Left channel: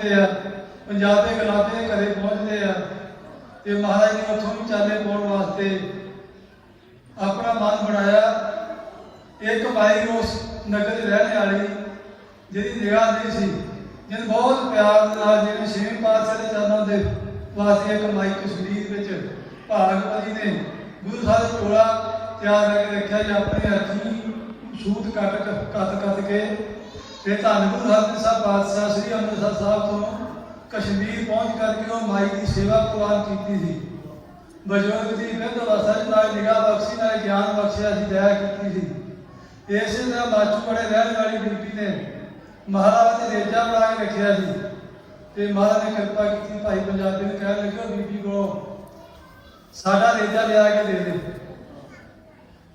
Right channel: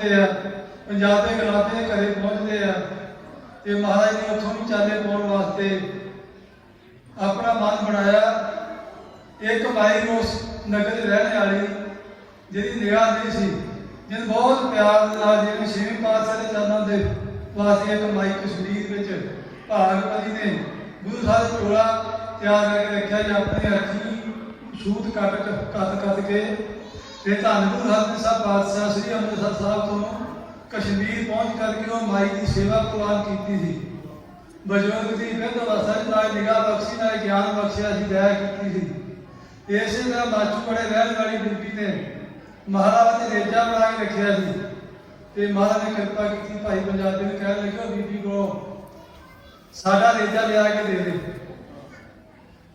पंजाब के गलाते घरे पहुँचते हैं तो महाराज ने उतों भी चाले पाने वास्ते अपना मन बनाया। एक बाई उस नगर रहने वाली जी दया नहीं सी जिन बहुत प्यार जी छेवीं पातशाह के चरणों के वास्ते एक माई कश्मीर भागवती ने गुरु साहब टोला तैयार करके रखा जी अपनी अखी सूट कट के धन गुरु हरमंदिर पातशाह श्री अमृतसर साहब को कश्मीर पहुँच करके वो माई की सेवा प्रवान की थी। बजुर्ग की फिर अवस्था निगाह बख्शी ना ज्ञान बख्शिया सी दया की थी। इस तरह माचू बड़े रहने वाली ड्यूटी ने महाराज ने रेजा बना के रखा जी। महाराज ने कृपा की भाई पंजाबी ने कह लगे बीबी को साडा रेजा लिया के दे दे।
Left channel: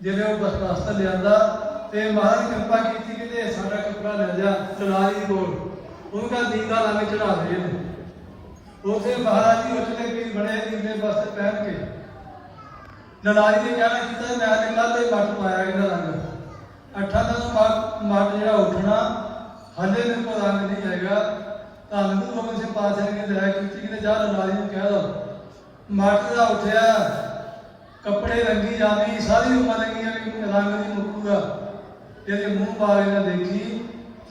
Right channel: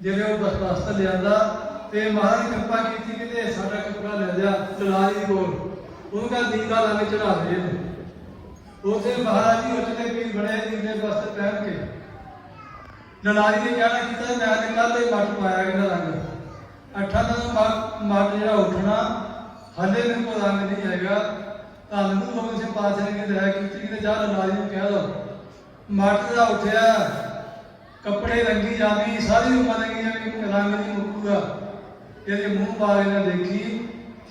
जिन्हें वो बस वस्त्र लिया तो महाराज ने कृपा की कि साडा कपड़ा ले जा चलारी को उनका दीदा लंग चढ़ा दे। उसे महाराज जी उठने भी बड़े दीदे वस्त्र पहन के ललारी ने कहना कि मैं कल ही मट पाया कि लंग 8 दिन मट जो उठना हले मेरे को रंग नहीं आएगा। धन गुरु गोबिंद सिंह पातशाह ने दया की जा ललारी ने कह दो मट जो उठया कपड़े रंगी जाती सारी उम्र लगी रंग नहीं मुकूगा। तेरे मूँह बारे ने देखी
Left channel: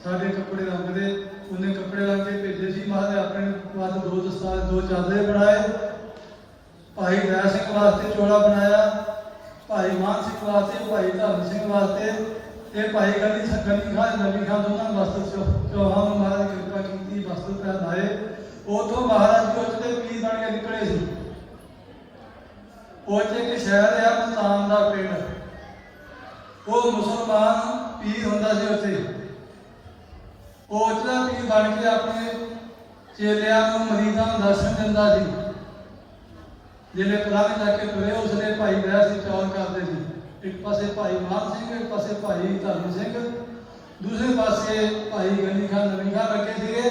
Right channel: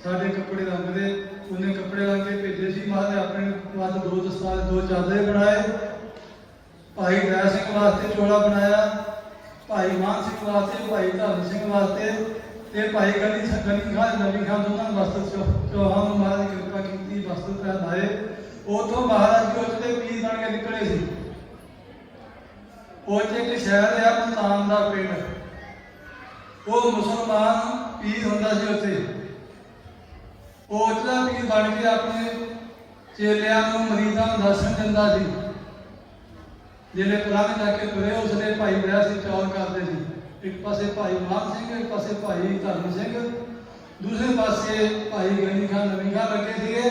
साढ़े कपड़े रंगते उन्हें कपड़े रंग के भेजे सी। महाराज अपने पास 2 दस्तार 2 चादरे बनाए। भाई दया सिंह वास्ते चोला बनाया, भाई मान सिंह वास्ते, भाई धर्म सिंह वास्ते, भाई गली खान दोनों वस्त्र चौहान महाराज ने कृपा की वस्त्र पहनाए। उतो महाराज जी उसके पीर बन के निकले सी। एक शहर है मुल्तान का पिंड, वो मुसलमान पीर होंदा सी उत्थे। उचला पीर बन के अपने चेलियां मरीजां नूं दर्शन दिंदा सी। जिन्हें प्रधान करके तुरे उसने भाई दया सिंह चौल करते थे। एक पासे भाई मान सिंह, एक पासे भाई धर्म सिंह, दूसरे पासे भाई गनी खान नवी खान लगे थे।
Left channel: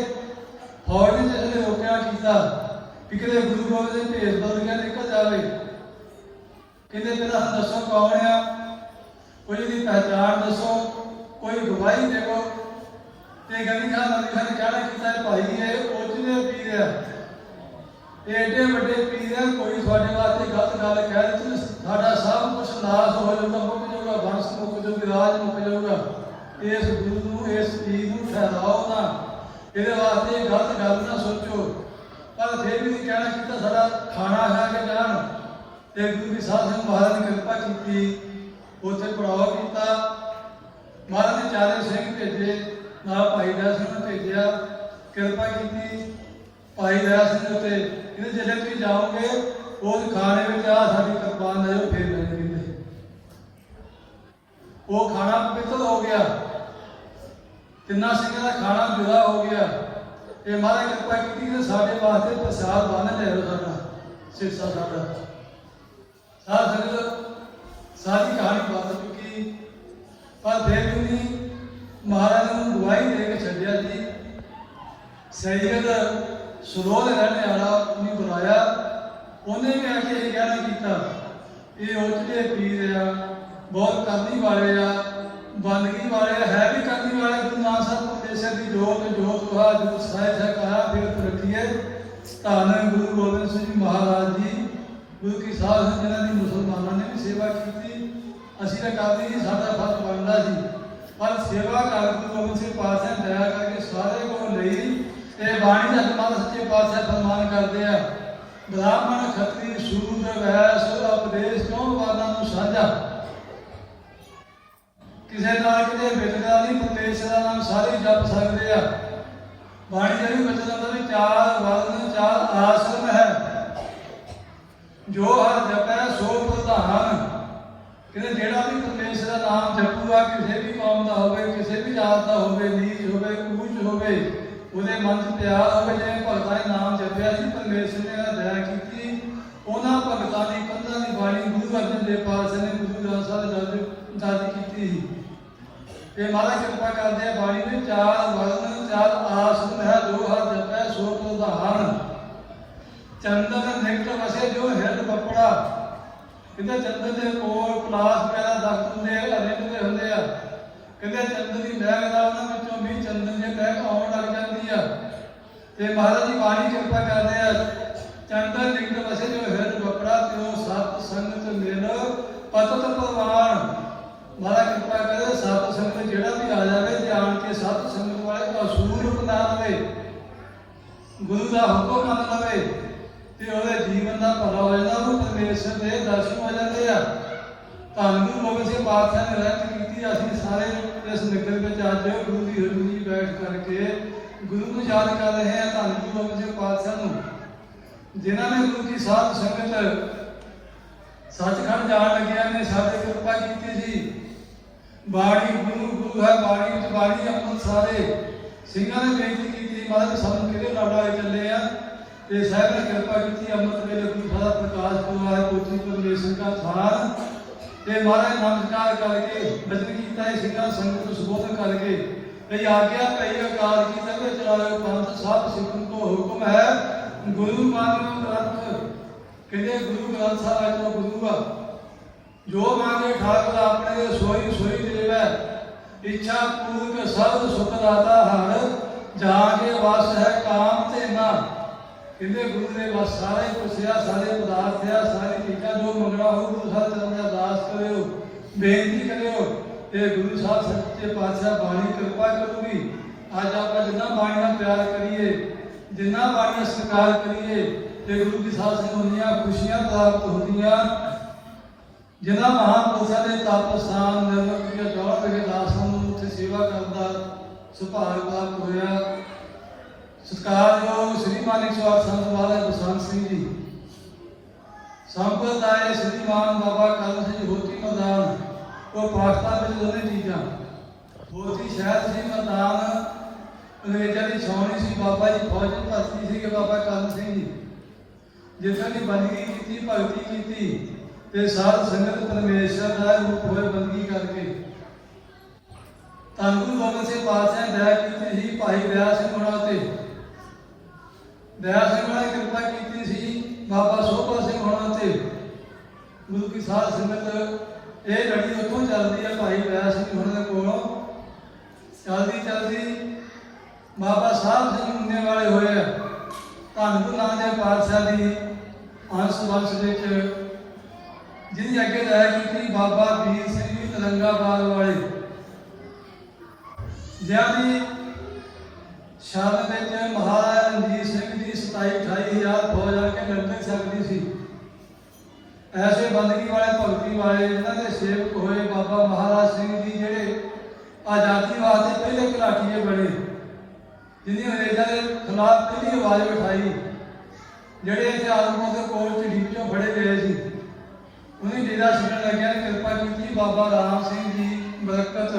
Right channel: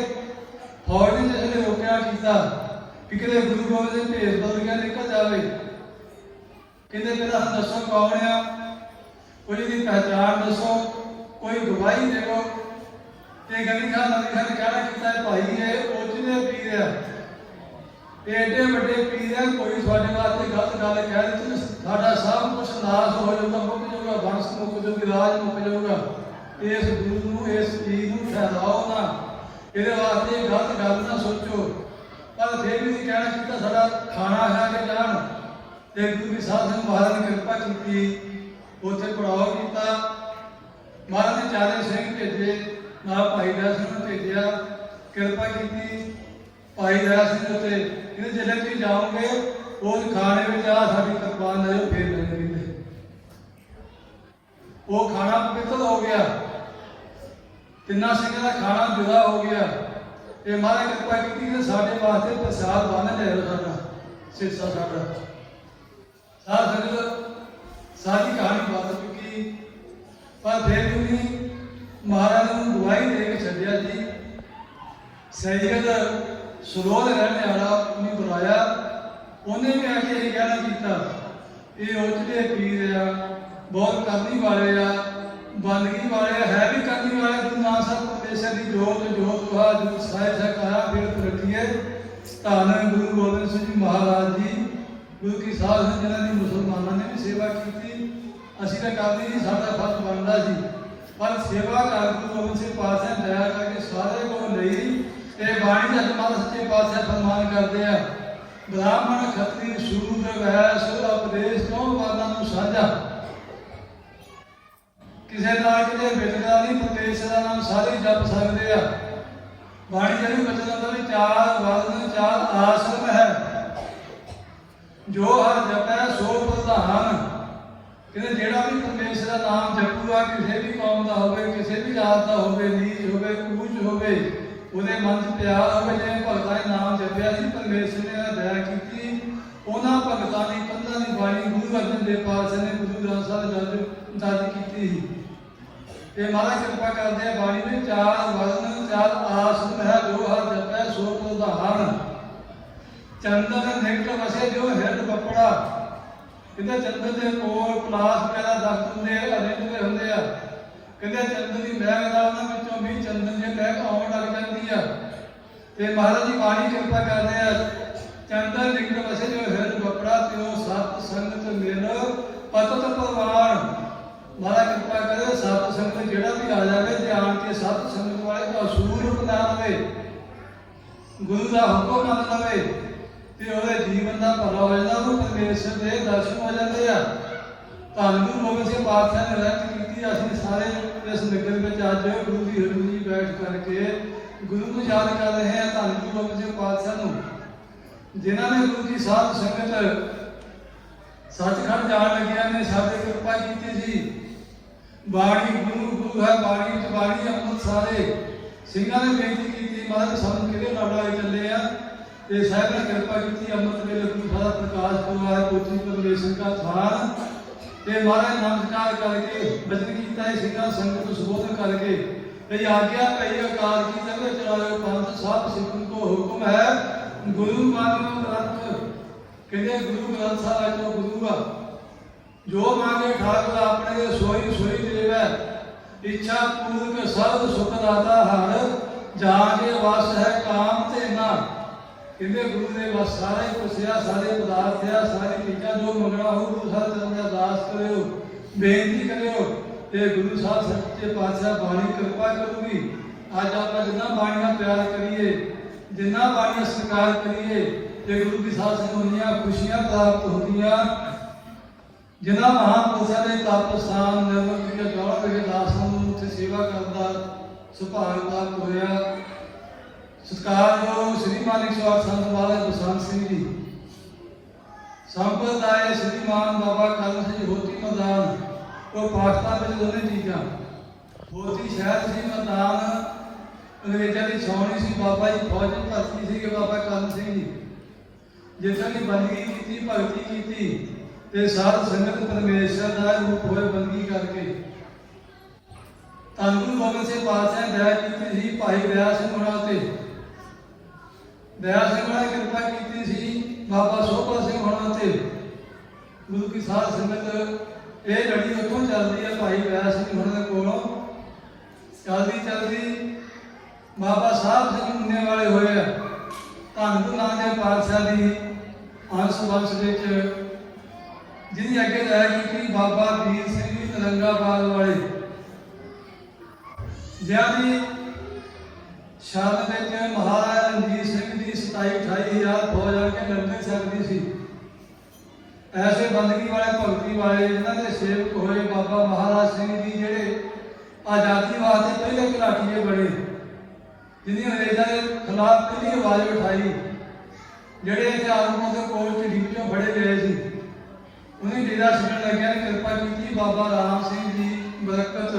फौज ने जिसने रोकया किया कि किसी गुरु गोबिंद सिंह भेज बदलिया निकल जाए कि दसो कौन है, कोई की पहचान दसो, कोई गवाही देखो। गनी खान नवी खान ने कहना कि भाई ये ओचने पीर है, एडे बड़े पीर है, कोई थोड़े वास्ते गलत गल कह दी साडा सब कुछ नाश हो जाऊगा, मुक जाऊगा, वंश मुक जाऊगी, राज मुक जाऊगा। इस गुरु इस पीर को फैलाओ ना, ये वास्ते गलत गल ना सोचो। पर फिर भी कहना कि साडा खाना है कि जान गुरु साहब सिंह महाराज ने कृपा की उत्थे पड़ाव किया। महाराज ने चारे सिंह भेजे ना भाई दया सिंह भेजा, कृपा की भाई दया सिंह उत्ते जिसे भी जाओगे उस खाने में आ साड़ी कृपान ले जाओ फिर लेंगे। वो खाना पवित्र हो गया, 3 सिंह का खाना जुदा हो गया। ये महाराज कृपा की साढ़े वास्ते प्रसाद बन ले साडा सिरसा साडा सार संगत सारी कहानी बता चुकी। पर फिर भी महाराज ने दुआई दे के छड्या जी। सैयद सरोद रहने वाला उन्हें बुलाया, उन्हें भी आके ये कहना किया ये उचले पीर आ, बहुत करनी वाले आ, बंदगी वाले है भी करनी वाले। गुरु नानक साहब परमेश्वर की जोत जोत कहा जो साहिब कहा फिर रखिए। धन गुरु गोबिंद सिंह जी महाराज जी गुरु की साध जिन्होंने मुसलमानों ने भी सेवा की थी। असी तो करते ही साडा फर्ज बनता सी, पर सेवा कर गुरु गोबिंद सिंह पातशाह दया करके सारे को लई ते बाणी का जमात सच्चे पातशाह फरमान करते हैं ब्राह्मण खत्री शूद्र वैश्य उपदेश कौन वाला साझा। किसी नाल किसी बिलगा नहीं, परमेश्वर का नाम सारे जप सकते हैं। बाणी जी बचन भी 4 वर्ण 4 आश्रम है, जो हर जपै सो प्रधान। कि जेड़ा भी परमेश्वर का नाम जपूगा किसी भी कौम का हो, किसी भी जात का हो, नीच हो ऊंच हो, ਉਹਦੇ ਮਨ 'ਚ ਪਿਆਰ ਹੋਵੇ। ਜਿਵੇਂ ਭਗਤਾਂ ਨੇ ਨਾਮ ਜਪਿਆ ਸੀ ਪਰਮੇਸ਼ਰ ਨੇ ਦਇਆ ਕੀਤੀ। ਉਹਨਾਂ ਭਗਤਾਂ ਦੀ 15 ਦੀ ਬਾਣੀ ਗੁਰੂ ਅਰਜਨ ਦੇਵ ਪਾਤਸ਼ਾਹ ਨੇ ਗੁਰੂ ਗ੍ਰੰਥ ਸਾਹਿਬ ਦਰਜ ਕੀਤੀ ਸੀ। ਤੇ ਮਹਾਰਾਜ ਕਿਰਪਾ ਕਰਦੇ ਆ ਬਾਣੀ ਦੇ 4 ਵਰਨ 4 ਆਸਨ ਹੈ, ਜੋ ਹਰ ਜਪੈ ਸੋ ਪ੍ਰਧਾਨ। ਚੰਦਨ ਨਿਕਟ ਵਸੇ ਜੋ ਹਿਰਦ ਕੱਪੜਾ। ਕਹਿੰਦੇ ਚੰਦਨ ਦੇ ਕੋਲ ਪਲਾਸ ਵਗੈਰਾ ਦਰਦ ਹੁੰਦੇ ਆ, ਹਰੇ ਹੁੰਦੇ ਆ। ਕਹਿੰਦੇ ਚੰਦਨ ਦੀ ਮਹਿਕ ਨਾਲ ਉਹਨਾਂ ਵਿੱਚੋਂ ਵੀ ਚੰਦਨ ਦੀ ਮਹਿਕ ਆਉਣ ਲੱਗ ਜਾਂਦੀ ਆ। ਤੇ ਮਹਾਰਾਜ ਜੀ ਬਾਣੀ ਕਿਰਪਾ ਕਰਦੇ ਆ ਚੰਦਰ ਨਿਕਟ ਵਸੇ ਜੋ ਹਿਰਦ ਵਪੜਾ ਤਿਉ ਸਤ ਸੰਗਤ ਮਿਲ ਪਤਤ ਪਰਵਾਨ। ਮਹਾਰਾਜ ਕਿਰਪਾ ਕਰੇ ਸਤ ਸੰਗਤ ਜਿਹੜਾ ਵੀ ਆ ਜਾਵੇ ਧਿਆਨ ਕੇ ਸਤ ਸੰਗਤ ਵਾਲੇ ਅਸੂਲ ਬਣਾ ਲਵੇ, ਗੁਰੂ ਦਾ ਹੁਕਮ ਮੰਨ ਲਵੇ ਤੇ ਉਹਦੇ ਜੀਵਨ ਦਾ ਭਲਾ ਹੋ ਜਾਂਦਾ, ਉਹ ਪਰਮੇਸ਼ਰ ਦੇ ਦਰਸ਼ਨ ਹੋ ਜਾਂਦੇ ਆ। ਧੰਨ ਗੁਰੂ ਗੋਬਿੰਦ ਸਿੰਘ ਪਾਤਸ਼ਾਹ ਨੇ ਰਹਿਤ ਕੀਤੀ। ਅਸੀਂ ਸਾਰੇ ਇਸ ਨਗਰ ਵਿੱਚ ਅੱਜ ਗੁਰੂ ਦੀ ਹਜ਼ੂਰੀ ਵਿੱਚ ਬੈਠ ਕਰਕੇ ਗੁਰੂ ਨੂੰ ਯਾਦ ਕਰ ਰਹੇ ਹਾਂ। ਧੰਨ ਗੁਰੂ ਗੋਬਿੰਦ ਸਿੰਘ ਪਾਤਸ਼ਾਹ ਨੂੰ, ਜਿਨ੍ਹਾਂ ਨੇ ਗੁਰੂ ਦੀ ਸਾਧ ਸੰਗਤ ਸੱਚਖੰਡ ਜਾਣ ਲੱਗਿਆ ਨੇ ਸਾਡੇ ਕਿਰਪਾ ਕੀਤੀ ਸੀ। ਬਾਣੀ ਗੁਰੂ ਹੈ, ਬਾਣੀ ਬਾਣੀ ਅੰਮ੍ਰਿਤ ਸਾਰੇ ਸਿੰਘਾਂ ਨੇ ਬੇਨਤੀ ਕੀਤੀ, ਮਹਾਰਾਜ ਸਾਨੂੰ ਕਿਹੜੇ ਨਾਲ ਲੈ ਚੱਲੇ ਆ ਤੇ ਸਾਹਿਬ ਨੇ ਕਿਰਪਾ ਕੀਤੀ। ਅੰਮ੍ਰਿਤ ਵੇਲੇ ਗੁਰੂ ਸਾਹਿਬ ਪ੍ਰਕਾਸ਼ ਪੁਰਬ ਹੈ, ਕੋਚੀ ਪਰਮੇਸ਼ਰ ਦਾ ਥਾਨ ਤੇ ਮਹਾਰਾਜ ਨਮਸਕਾਰ ਕਰਕੇ ਬਚਨ ਕੀਤਾ ਹੈ, ਸਿੰਘਾਂ ਸੰਗਤ ਨੂੰ ਸੰਬੋਧਨ ਕਰਕੇ ਤੇ ਆਗਿਆ ਕਈ ਅਕਾਲ ਕੀ ਤੇ ਚਲਾਇਓ ਪੰਥ ਸਤ ਸਿੱਖਣ ਕੋ ਹੁਕਮ ਹੈ ਗੁਰੂ ਮਾਨਿਓ ਗ੍ਰੰਥ। ਕਹਿੰਦੇ ਗੁਰੂ ਗ੍ਰੰਥ ਸਾਹਿਬ ਜੋ ਗੁਰੂ ਆ ਜੋ ਮੰਗੇ ਠਾਕੁਰ ਆਪਣੇ ਸੋਈ ਸੋਈ ਦੇਵੈ, ਇੱਛਾ ਪੂਰਕ ਸਰਬ ਸੁਖ ਦਾਤਾ ਹਰ ਜਾ ਕੇ ਵਸ ਹੈ ਕਾਮ ਤੇ ਨਾ। ਕਹਿੰਦੇ ਗੁਰੂ ਨੇ ਬਸ ਸਾਰਾ ਹੀ ਪੁੱਛਿਆ, ਸਾਰੇ ਪਦਾਰਥ ਆ, ਸਾਰੀ ਚੀਜ਼ਾਂ ਜੋ ਮੰਗਣਾ ਹੋ ਗੁਰੂ ਸਾਹਿਬ ਚਰਨ ਅਰਦਾਸ ਕਰਿਓ, ਬੇਨਤੀ ਕਰਿਓ ਤੇ ਗੁਰੂ ਸਾਹਿਬ ਸੱਚੇ ਪਾਤਸ਼ਾਹ ਬਾਣੀ ਕਿਰਪਾ ਕਰੂਗੀ। ਅੱਜ ਆਪਾਂ ਜਿੰਨਾ ਬਾਣੀ ਨਾਲ ਪਿਆਰ ਕਰੀਏ, ਜਿੰਨਾ ਬਾਣੀ ਦਾ ਸਤਿਕਾਰ ਕਰੀਏ ਤੇ ਗੁਰੂ ਦੀ ਸਾਧ ਸੰਗਤ ਹੁੰਦੀਆਂ ਖੁਸ਼ੀਆਂ ਪ੍ਰਾਪਤ ਹੁੰਦੀਆਂ। ਜਿਨ੍ਹਾਂ ਮਹਾਂਪੁਰਸ਼ਾਂ ਦੇ ਤਪ ਸਥਾਨ ਨਿਰਮਲ ਕੀਤੇ ਦੌਰ ਦੇ ਦਾਸਾਂ ਨੂੰ ਉੱਥੇ ਸੇਵਾ ਕਰਨ ਦਾ ਸੁਭਾਗ ਪ੍ਰਾਪਤ ਹੋਇਆ। ਸਤਿਕਾਰਯੋਗ ਸ੍ਰੀ ਮਾਨਿਕ ਸਵਾਰ ਸੰਤ ਮਹਾਰਾਜ ਬਸੰਤ ਸਿੰਘ ਜੀ, ਸੰਪਰਦਾਇ ਸ੍ਰੀਮਾਨ ਬਾਬਾ ਕਲਮ ਸਿੰਘ ਹੋਤੀ ਪ੍ਰਧਾਨ। ਉਹ ਪਾਠਤਾ ਵਿੱਚ ਦੋਨੇ ਚੀਜ਼ਾਂ, ਹੋਤੀ ਸ਼ਹਿਰ ਸੀ ਪ੍ਰਧਾਨ, ਅੰਗਰੇਜ਼ਾਂ ਦੀ ਛਾਉਣੀ ਸੀ, ਬਾਬਾ ਜੀ ਫੌਜ ਚ ਭਰਤੀ ਸੀ ਕਿ ਬਾਬਾ ਕਲਮ ਸਿੰਘ ਜੀ ਜਿਸ ਦੀ ਬੰਦਗੀ ਕੀਤੀ, ਭਗਤੀ ਕੀਤੀ ਤੇ ਸਾਧ ਸੰਗਤ ਪਰਮੇਸ਼ਰ ਦਾ ਰੂਪ ਹੋਏ ਬੰਦਗੀ ਕਰਕੇ। ਧੰਨ ਗੁਰੂ ਗੋਬਿੰਦ ਸਿੰਘ ਪਾਤਸ਼ਾਹ ਨੇ ਦਇਆ ਕੀਤੀ ਸੀ ਭਾਈ ਦਇਆ ਸਿੰਘ ਹੋਣਾ ਤੇ, ਦਇਆ ਸਿੰਘ ਹੋਣਾ ਨੇ ਕਿਰਪਾ ਕੀਤੀ ਸੀ ਬਾਬਾ ਸੋਭਾ ਸਿੰਘ ਹੋਣਾ ਤੇ। ਗੁਰੂ ਕੀ ਸਾਧ ਸੰਗਤ ਇਹ ਲੜੀ ਵੇਖੋ ਚੱਲਦੀ ਹੈ ਭਾਈ ਦਇਆ ਸਿੰਘ ਹੋਣਾ ਦੇ ਕੋਲੋਂ, ਚੱਲਦੀ ਚੱਲਦੀ ਬਾਬਾ ਸਾਹਿਬ ਸਿੰਘ ਹੁੰਨੇ ਵਾਲੇ ਹੋਏ ਆ। ਧੰਨ ਗੁਰੂ ਨਾਨਕ ਦੇਵ ਪਾਤਸ਼ਾਹ ਦੀ ਅੰਸ਼ ਵੰਸ਼ ਵਿੱਚ ਜਿਹਦੀ ਅੱਗੇ ਦਇਆ ਕੀਤੀ ਬਾਬਾ ਵੀਰ ਸਿੰਘ ਜੀ ਤਲੰਗਾਬਾਦ ਵਾਲੇ, ਜਿਨ੍ਹਾਂ ਦੀ ਸ਼ਾਨ ਵਿੱਚ ਮਹਾਰਾਜਾ ਰਣਜੀਤ ਸਿੰਘ ਦੀ 27-28,000 ਫੌਜ ਆ ਕੇ ਲੜ ਨਹੀਂ ਸਕਦੀ ਸੀ। ਐਸੇ ਬੰਦਗੀ ਵਾਲੇ ਭਗਤੀ ਵਾਲੇ ਜਿਨ੍ਹਾਂ ਦੇ ਸੇਵਕ ਹੋਏ ਬਾਬਾ ਮਹਾਰਾਜ ਸਿੰਘ ਜੀ, ਜਿਹੜੇ ਆਜ਼ਾਦੀ ਵਾਸਤੇ ਪਹਿਲੇ ਘਰਾਟੀਏ ਬਣੇ, ਜਿਹਨੇ ਅੰਗਰੇਜ਼ਾਂ ਦੇ ਖਿਲਾਫ ਪਹਿਲੀ ਆਵਾਜ਼ ਉਠਾਈ, ਜਿਹੜੇ ਇੱਥੇ ਆਲਮੋਂ ਦੇ ਕੋਲ ਢੀਚੋਂ ਫੜੇ ਗਏ ਸੀ, ਉਹਨੇ ਡੇਰਾ ਛੱਡਣ ਲੱਗਿਆ। ਕਿਰਪਾ ਕੀਤੀ ਬਾਬਾ ਰਾਮ ਸਿੰਘ ਜੀ ਬਰਕਤ,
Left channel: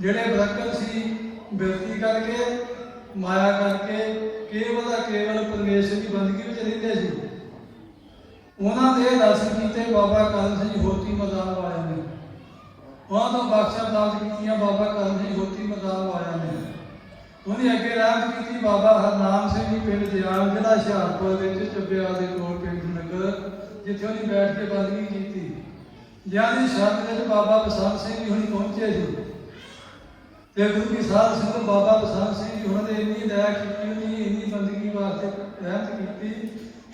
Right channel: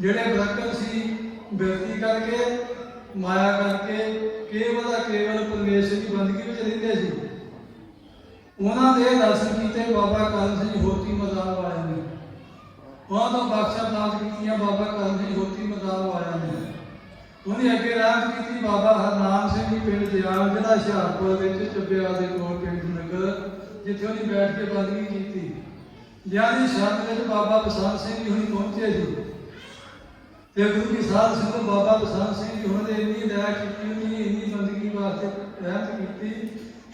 ਜਿਹੜੇ ਬਰਕਤ ਸੀ ਬਿਰਤੀ ਕਰਕੇ ਮਾਇਆ ਕਰਕੇ ਕੇਵਲ ਪਰਮੇਸ਼ਰ ਦੀ ਬੰਦਗੀ ਵਿੱਚ ਰਹਿੰਦੇ ਸੀ। ਉਹਨਾਂ ਦੇ ਦਰਸ਼ਨ ਕੀਤੇ ਬਾਬਾ ਕਲਮ ਸਿੰਘ ਹੋਤੀ ਮੈਦਾਨ ਵਾਲਿਆਂ ਨੇ, ਉਹਨਾਂ ਤੋਂ ਬਖਸ਼ਾ ਪ੍ਰਾਪਤ ਕੀਤੀਆਂ ਬਾਬਾ ਕਲਮ ਸਿੰਘ ਹੋਤੀ ਮੈਦਾਨ ਵਾਲਿਆਂ ਨੇ। ਉਹਨੇ ਅੱਗੇ ਰਾਹ ਕੀਤੀ ਬਾਬਾ ਹਰਨਾਮ ਸਿੰਘ ਜੀ ਪਿੰਡ ਦਿਆਲ, ਜ਼ਿਲ੍ਹਾ ਹੁਸ਼ਿਆਰਪੁਰ ਵਿੱਚ ਚੱਬਿਆਲ ਦੇ ਕੋਲ ਪਿੰਡ ਨਗਰ, ਜਿੱਥੇ ਉਹਨੇ ਬੈਠ ਕੇ ਬੰਦਗੀ ਕੀਤੀ। ਜਿਨ੍ਹਾਂ ਦੀ ਸ਼ਰਨ ਵਿੱਚ ਬਾਬਾ ਬਸੰਤ ਸਿੰਘ ਜੀ ਹੁਣੀ ਪਹੁੰਚੇ ਸੀ ਤੇ ਗੁਰੂ ਦੀ ਸਾਧ ਸੰਗਤ ਬਾਬਾ ਬਸੰਤ ਸਿੰਘ ਜੀ ਉਹਨਾਂ ਦੇ ਇੰਨੀ ਦਇਆ ਕੀਤੀ, ਉਹਨੇ ਇੰਨੀ ਬੰਦਗੀ ਵਾਸਤੇ ਰਹਿਮਤ ਕੀਤੀ,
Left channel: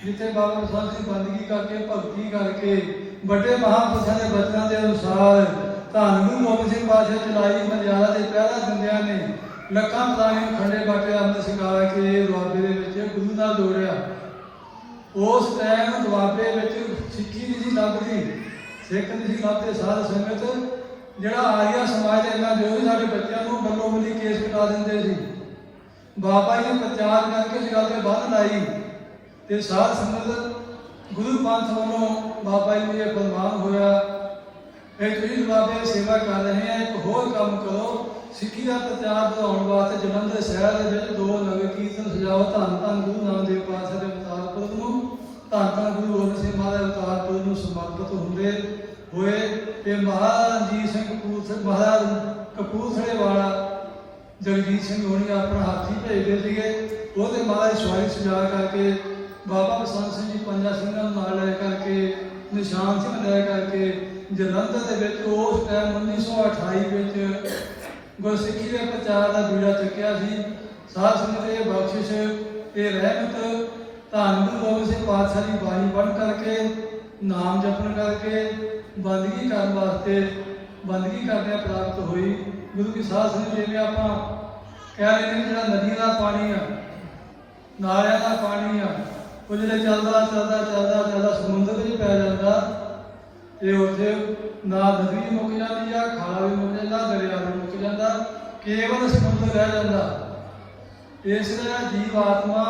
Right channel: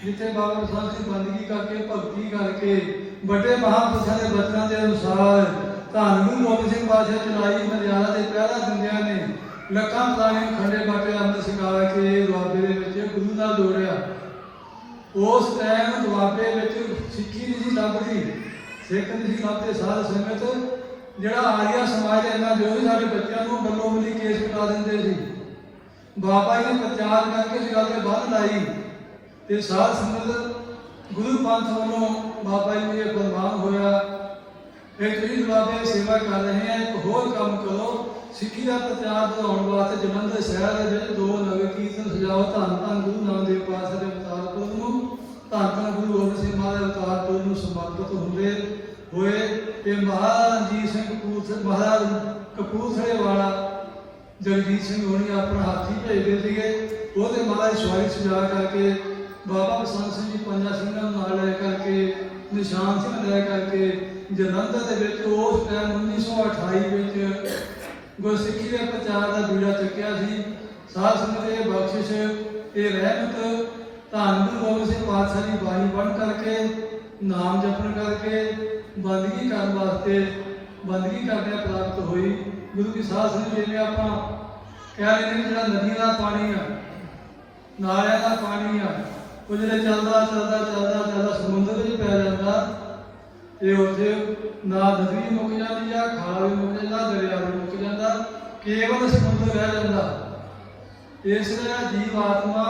ਜਿੱਥੇ ਬਾਬਾ ਬਸੰਤ ਸਿੰਘ ਬੰਦਗੀ ਕਰਕੇ ਭਗਤੀ ਕਰਕੇ ਵੱਡੇ ਮਹਾਂਪੁਰਸ਼ਾਂ ਦੇ ਬਚਨਾਂ ਦੇ ਅਨੁਸਾਰ ਧੰਨ ਗੁਰੂ ਗੋਬਿੰਦ ਸਿੰਘ ਪਾਤਸ਼ਾਹ ਚਲਾਈ ਮਰਿਆਦਾ ਦੇ ਪਹਿਰਾ ਦਿੰਦਿਆਂ ਨੇ ਲੱਖਾਂ ਪ੍ਰਾਣੀ ਖੰਡੇ ਬਾਟੇ ਅੰਮ੍ਰਿਤ ਛਕਾ ਕੇ ਦੁਆਬੇ ਦੇ ਵਿੱਚ ਗੁਰੂ ਨਾਲ ਜੋੜਿਆ। ਉਸ ਟਾਈਮ ਦੁਆਬੇ ਵਿੱਚ ਸਿੱਖੀ ਨਹੀਂ ਸੀ ਲੱਭਦੀ, ਸਿੱਖ ਨਹੀਂ ਸੀ ਲੱਭਦੇ। ਸਾਧ ਸੰਗਤ ਜਿਹੜਾ ਆਰੀਆ ਸਮਾਜ ਇਹਨਾਂ ਜੋ ਸਾਡੇ ਬੱਚਿਆਂ ਨੂੰ ਬੱਲੋ ਬੱਲੀ ਕੇਸ ਕਟਾ ਦਿੰਦੇ ਸੀ। ਬਾਬਾ ਜੀ ਨੇ ਪ੍ਰਚਾਰ ਕਰਕੇ ਇਸ ਗੱਲ ਤੇ ਬੰਦ ਲਾਈ ਤੇ ਸਾਧ ਸੰਗਤ ਗੁਰੂ ਪੰਥ ਵੱਲੋਂ ਬਾਬਾ ਜੀ ਨੂੰ ਇਹ ਫਰਮਾਨ ਹੋਇਆ, ਇਹ ਜਿਹੜੀ ਦੁਆਬੇ ਦੀ ਸੇਵਾ ਕਰ ਰਹੇ ਆ, ਇੱਕ ਹੋਰ ਕੰਮ ਕਰੋ, ਸਿੱਖੀ ਦਾ ਪ੍ਰਚਾਰ ਵਧਾਉਣ ਵਾਸਤੇ ਜਲੰਧਰ ਸ਼ਹਿਰ ਦੇ ਵਿੱਚ 2 ਨਗਰ ਕੀਰਤਨ ਸਜਾਓ। ਧੰਨ ਧੰਨ ਗੁਰੂ ਨਾਨਕ ਦੇਵ ਪਾਤਸ਼ਾਹ ਦੇ ਅਵਤਾਰ ਪੁਰਬ ਨੂੰ, ਧੰਨ ਧੰਨ ਗੁਰੂ ਗੋਬਿੰਦ ਸਿੰਘ ਮਹਾਰਾਜ ਦੇ ਅਵਤਾਰ ਪੁਰਬ ਨੂੰ ਸਮਰਪਿਤ ਹੁੰਦੇ ਹੋਏ ਤੇ ਮਹਾਰਾਜਾ ਰਣਜੀਤ ਸਿੰਘ ਮਹਾਰਾਜ ਕਪੂਰਥਲੇ ਵਾਲਾ ਜਗਜੀਤ ਸਿੰਘ ਹੋਣੀ ਆਪਣਾ ਹਾਥੀ ਭੇਜਦੇ ਸੀਗੇ। ਉਹਦੇ ਮਹਾਰਾਜ ਸਵਾਰੀ ਸਜਾ ਕਰਕੇ ਬਾਬਾ ਬਸੰਤ ਸਿੰਘ ਜੀ ਪੰਜਾਂ ਸਿੰਘਾਂ ਨੂੰ ਨਾਲ ਲੈ ਕਰਕੇ, ਨਿਸ਼ਾਨ ਸਿੰਘ ਲੈ ਕਰਕੇ ਜਲੰਧਰ ਦੇ ਵਿੱਚ ਉਸ ਟਾਈਮ 1928 ਵਿੱਚ ਗੁਰਸਿੱਖੀ ਦੇ ਪ੍ਰਚਾਰ ਦਾ ਬੀੜਾ ਚੁੱਕਿਆ ਸੀ। ਸਾਧ ਸੰਗਤ ਇਹ ਬਖਸ਼ਿਸ਼ ਇਹ ਰਹਿਮਤ ਧੰਨ ਗੁਰੂ ਗੋਬਿੰਦ ਸਿੰਘ ਪਾਤਸ਼ਾਹ ਦੀ ਬਾਣੀ ਪੜ੍ਹ ਕਰਕੇ ਨਾਮ ਜਪਣ ਕਰਕੇ ਬੰਦਗੀ ਕਰਨ ਵਾਸਤੇ ਬੰਦਗੀ ਕਰਦਿਆਂ ਪ੍ਰਾਪਤ ਹੋਈ। ਗੁਰੂ ਦੀ ਸਾਧ ਸੰਗਤ ਜਿਵੇਂ ਆਪਾਂ ਕਹਿ ਰਹੇ ਨੇ ਜਿਹੜਾ ਨਦੀਆਂ ਦਾ ਪਾਣੀ ਆ ਨਾਲਿਆਂ ਦਾ ਪਾਣੀ ਆ ਉਹ ਜਿਹੜੇ ਚੱਲਦਾ ਸਮੁੰਦਰ ਵਿੱਚ ਪੈ ਜਾਂਦਾ ਤੇ ਉੱਥੇ ਨਾ ਨਦੀ ਮੁੱਕ ਜਾਂਦੀ ਆ ਖਾਲ ਵੀ ਮੁੱਕ ਜਾਂਦਾ ਦਰਿਆ ਵੀ ਮੁੱਕ ਜਾਂਦਾ ਕੇਵਲ ਸਮੁੰਦਰ ਰਹਿ ਜਾਂਦਾ। ਇਸ ਤਰ੍ਹਾਂ ਜੀਵ ਆਤਮਾ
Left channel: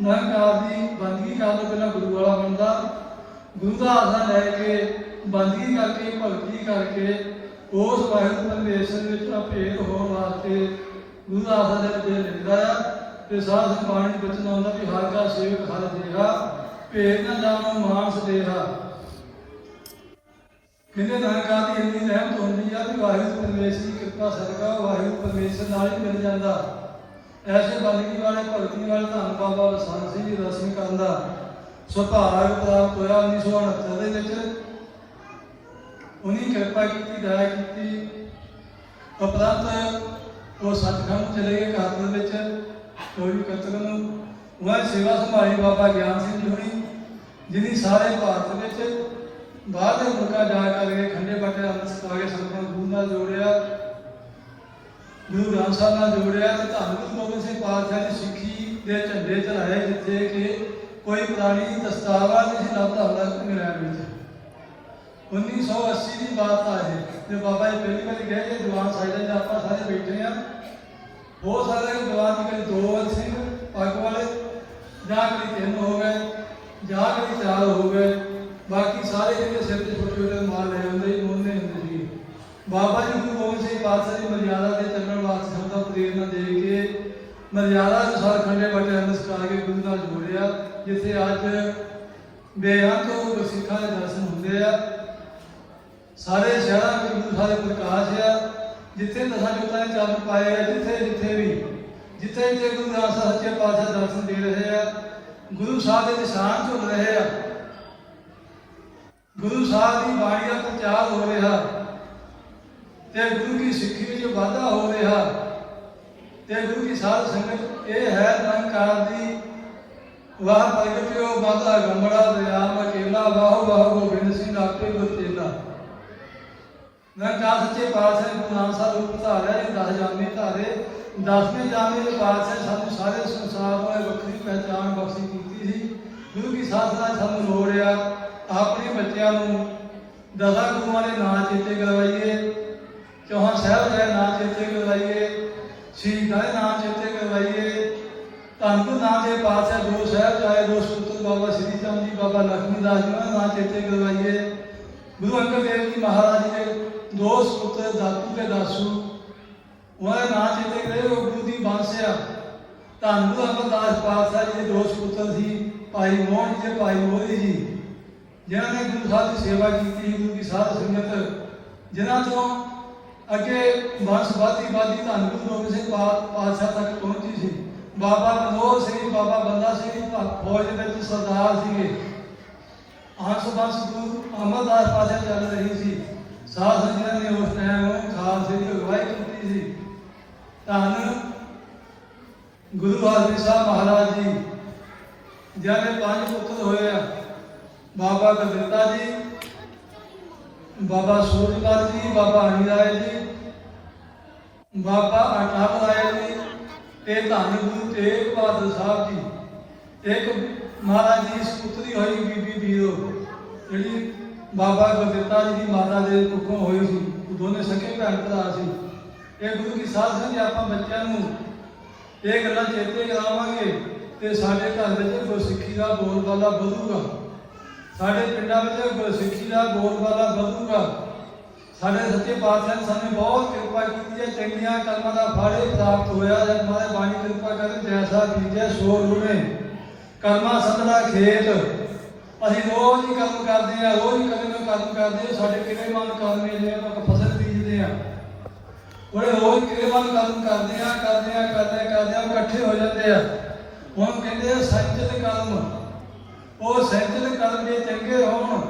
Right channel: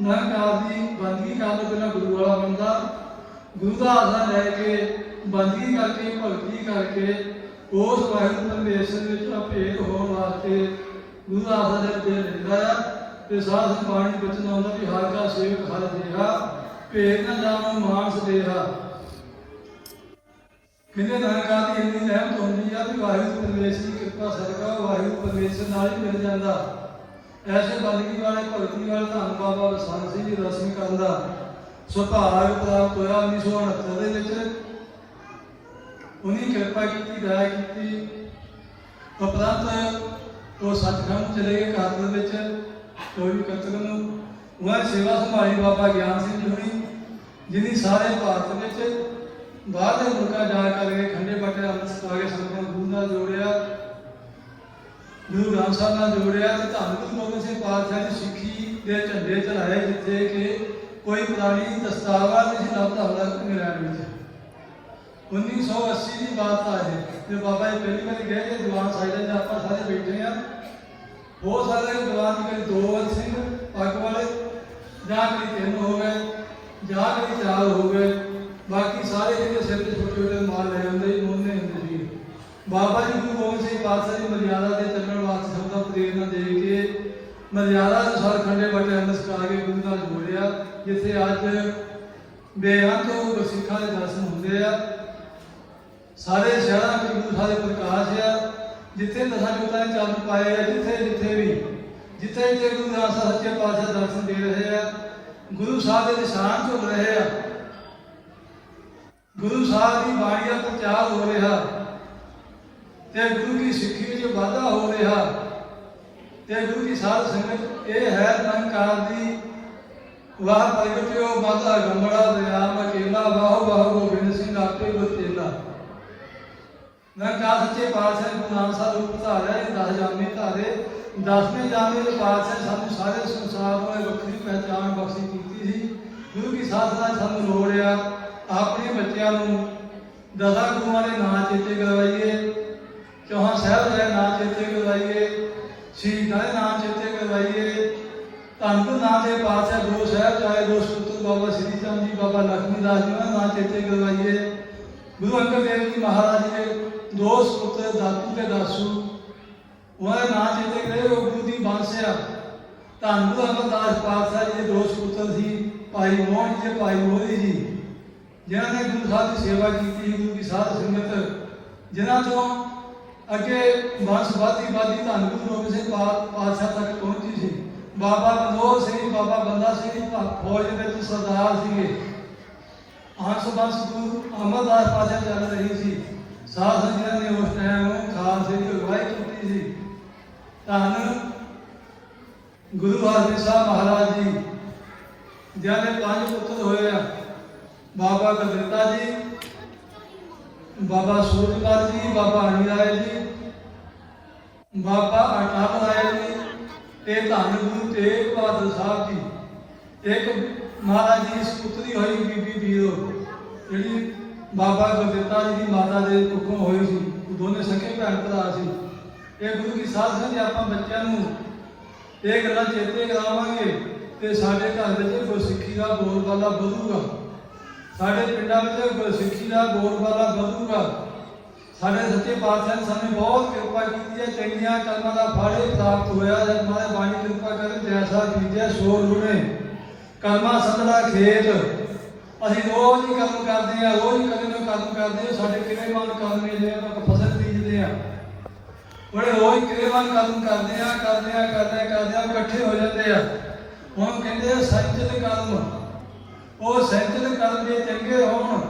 ਨਿਰੰਕਾਰ ਦੀ ਬੰਦਗੀ ਕਰਨ ਤੋਂ ਪਹਿਲਾਂ ਗੁਰੂ ਵਾਲਾ ਬਣਦਾ ਗੁਰੂ ਦਾ ਆਸਰਾ ਲੈ ਕੇ ਬੰਦਗੀ ਕਰਕੇ ਭਗਤੀ ਕਰਕੇ ਉਸ ਵਾਹਿਗੁਰੂ ਪਰਮੇਸ਼ਰ ਵਿੱਚ ਅਭੇਦ ਹੋਣ ਵਾਸਤੇ ਗੁਰੂ ਦਾ ਆਸਰਾ ਦੇ ਲੈਂਦਾ ਆ ਤੇ ਸਾਧ ਸੰਗਤ ਬਾਣੀ ਵਿੱਚ ਆਉਂਦਾ ਵੀ ਹਰ ਦਾ ਸੇਵਕ ਹਰ ਦੇਹਾ ਭੇਦ ਨਾ ਜਾਣੋ ਮਾਨਸ ਦੇਹਾ। ਕਹਿੰਦੇ ਨਿਰੰਕਾਰ ਦੀ ਇੰਨੀ ਰਹਿਮਤ ਹੁੰਦੀ ਆ ਵੀ ਵਾਹਿਗੁਰੂ ਪਰਮੇਸ਼ਰ ਦੀ ਕਿਰਪਾ ਸਦਕਾ ਵਾਹਿਗੁਰੂ ਪਰਮੇਸ਼ਰ ਨਾਲ ਹੀ ਮਿਲ ਜਾਂਦਾ। ऐसे बंदगी वाले भगती वाले धन बाबा बसंत सिंह जी दर्शन करन दा सुभाग प्राप्त होया 1969 ਦੇ उन्हीं कृपा की दया की उपरंत वो सचखंड चले गए घर में चोरी कतल वह सेवा संभाली बाबा ज्ञान सिंह जी जिन्हें सारे भारत में बाहर के मुल्क जा करके खंडे बाटे अमृत आगे संगत गुरु नाल जोड़िया गुरु ग्रंथ साहब नाल जोड़िया तो धन गुरु गोबिंद सिंह पातशाह की सिੱਖੀ के झंडे चढ़ाए जिथे कि कोई पुरानी दस्तावा नहीं लभदा होगा इंग्लैंड में। 1980 की बात आ है जो बाबा जी पहली बार गए कि दीवान साहिब में आप सारे बैठे हैं हो सकता है दीवान के 2 सिंह पग वाले ਜਾਂ कभी 3 हो गए ਜਾਂ कभी 4 हो गए बाकी सारे के सिर से छोटे छोटे माल ले आते मोहने होंगे। बाबा जी गुरु गोबिंद सिंह पातशाह की मर्यादा से चलने वास्ते सबका प्रेरणा दे के मर्यादा अनुसार खंडे बटे अनुसार के गुरु नाल जोड़िया जिथे अज बेअंत सिखा के दर्शन होंगे आ सारे शहर में गुरु सारे प्रकाश आ जिथे दसा जोता चल पाए जिथे जिथे भी जिथे जिथे गुरु ग्रंथ साहिब सच्चे पातशाह दर्शन दे रहे हैं गुरु साहब के निशान झुल रहे हैं गुरु साहब की बाणी का प्रचार हो रहा ते गुरु की सिक्खी में वाधा हो रहा ते गुरु की साध संगत ये है निरंकार दी वाह प्रगटियो माता गंगड़ा दयाल अकेला वाह वाह गोबिंद सिंह आपे गुर चेला। निरंकार सच्चे पातशाह गुरु नानक साहब रूप धारा 10 जामे धारे 10वें जामे के पातशाह सानू सारे संसार में वक्री पहचान बख्शी की थी। गुरु की साधना सानू लोड़ आ अपने बच्चों को 10 गुरुओं के नाम चेते करवाइए चौहान साहब के नाम चेते करवाइए शहीदां के नाम चेते करवाइए धन गुरु नानक पातशाह 2 साहिबजादे 2 सपूत बाबा श्री चंद जी बाबा लक्ष्मी दास जी का नाम चेते करवाइए। गुरु अंगद देव जी महाराज जी के 2 सपूत दातू के दासू उन्होंने नाम चेते करे वो गुरु की बंश आ। धन गुरु अमरदास पातशाह जी के 2 सपूत सी भाई मोहन जी भाई मोहरी जी जिन्होंने गुरु साहब की सेवा की गुरु की साध संगत जिन्हों तो अगे वंश वादी धन गुरु गोबिंद सिंह पातशाह तक पहुंची सी। बाबा मनोहर सिंह बाबा बंदा सिंह फौज में सरदार से हंस बंश गुरु अमरदास पातशाह चल रही थी। साध संगत ने उस टाइम खालसे की अगवाई की थी। धन गुरु हरगोबिंद साहब महाराज जी जिन्हें 5 पुत्र होए बाबा गलता जी बाबा सूरजपाल जी बाबा हनीराय जी बाबा अटनाम राय जी ते धन गुरु तेग बहादुर साहब जी एक महाराज जी की सपुत्री हुई बीबी बीरो जी बाबा गलता जी की माता के कुखों हुई थी दोनों सके भैन भरा से गुरु की साध संगत आप बच्चों ये गल्लां चेते करावांगे तो साडे घर में गुरसिक्खी का बोलबाला ਵਧੂਗਾ। साडे पिंडां में गुरसिक्खी का बोलबाला ਵਧੂਗਾ। साडे सच्चे पातशाह ने सानू बहुत कृपा की है चंगियां कर्मां दा फल प्राप्त होया जब हमारे बाणी कृपा करे जैसा बीजा सो रुणे कर्मा सतरा खेत ਅਸੀਂ रोज ही कर्म करते हैं रोज कर्म करते हैं साडे किवें मन कर्म मिलदे आ फसल बीजते हैं बड़े रोज किवें मन कर्म करते हैं इकट्ठे हो जाते हैं। ਹੁਣ ਕਹਿੰਦੇ ਸੰਚਿਤ ਕਰਮ ਉਹ ਸੰਚਿਤ ਕਰਨ ਦੇ ਚੰਗੇ ਹੋਣ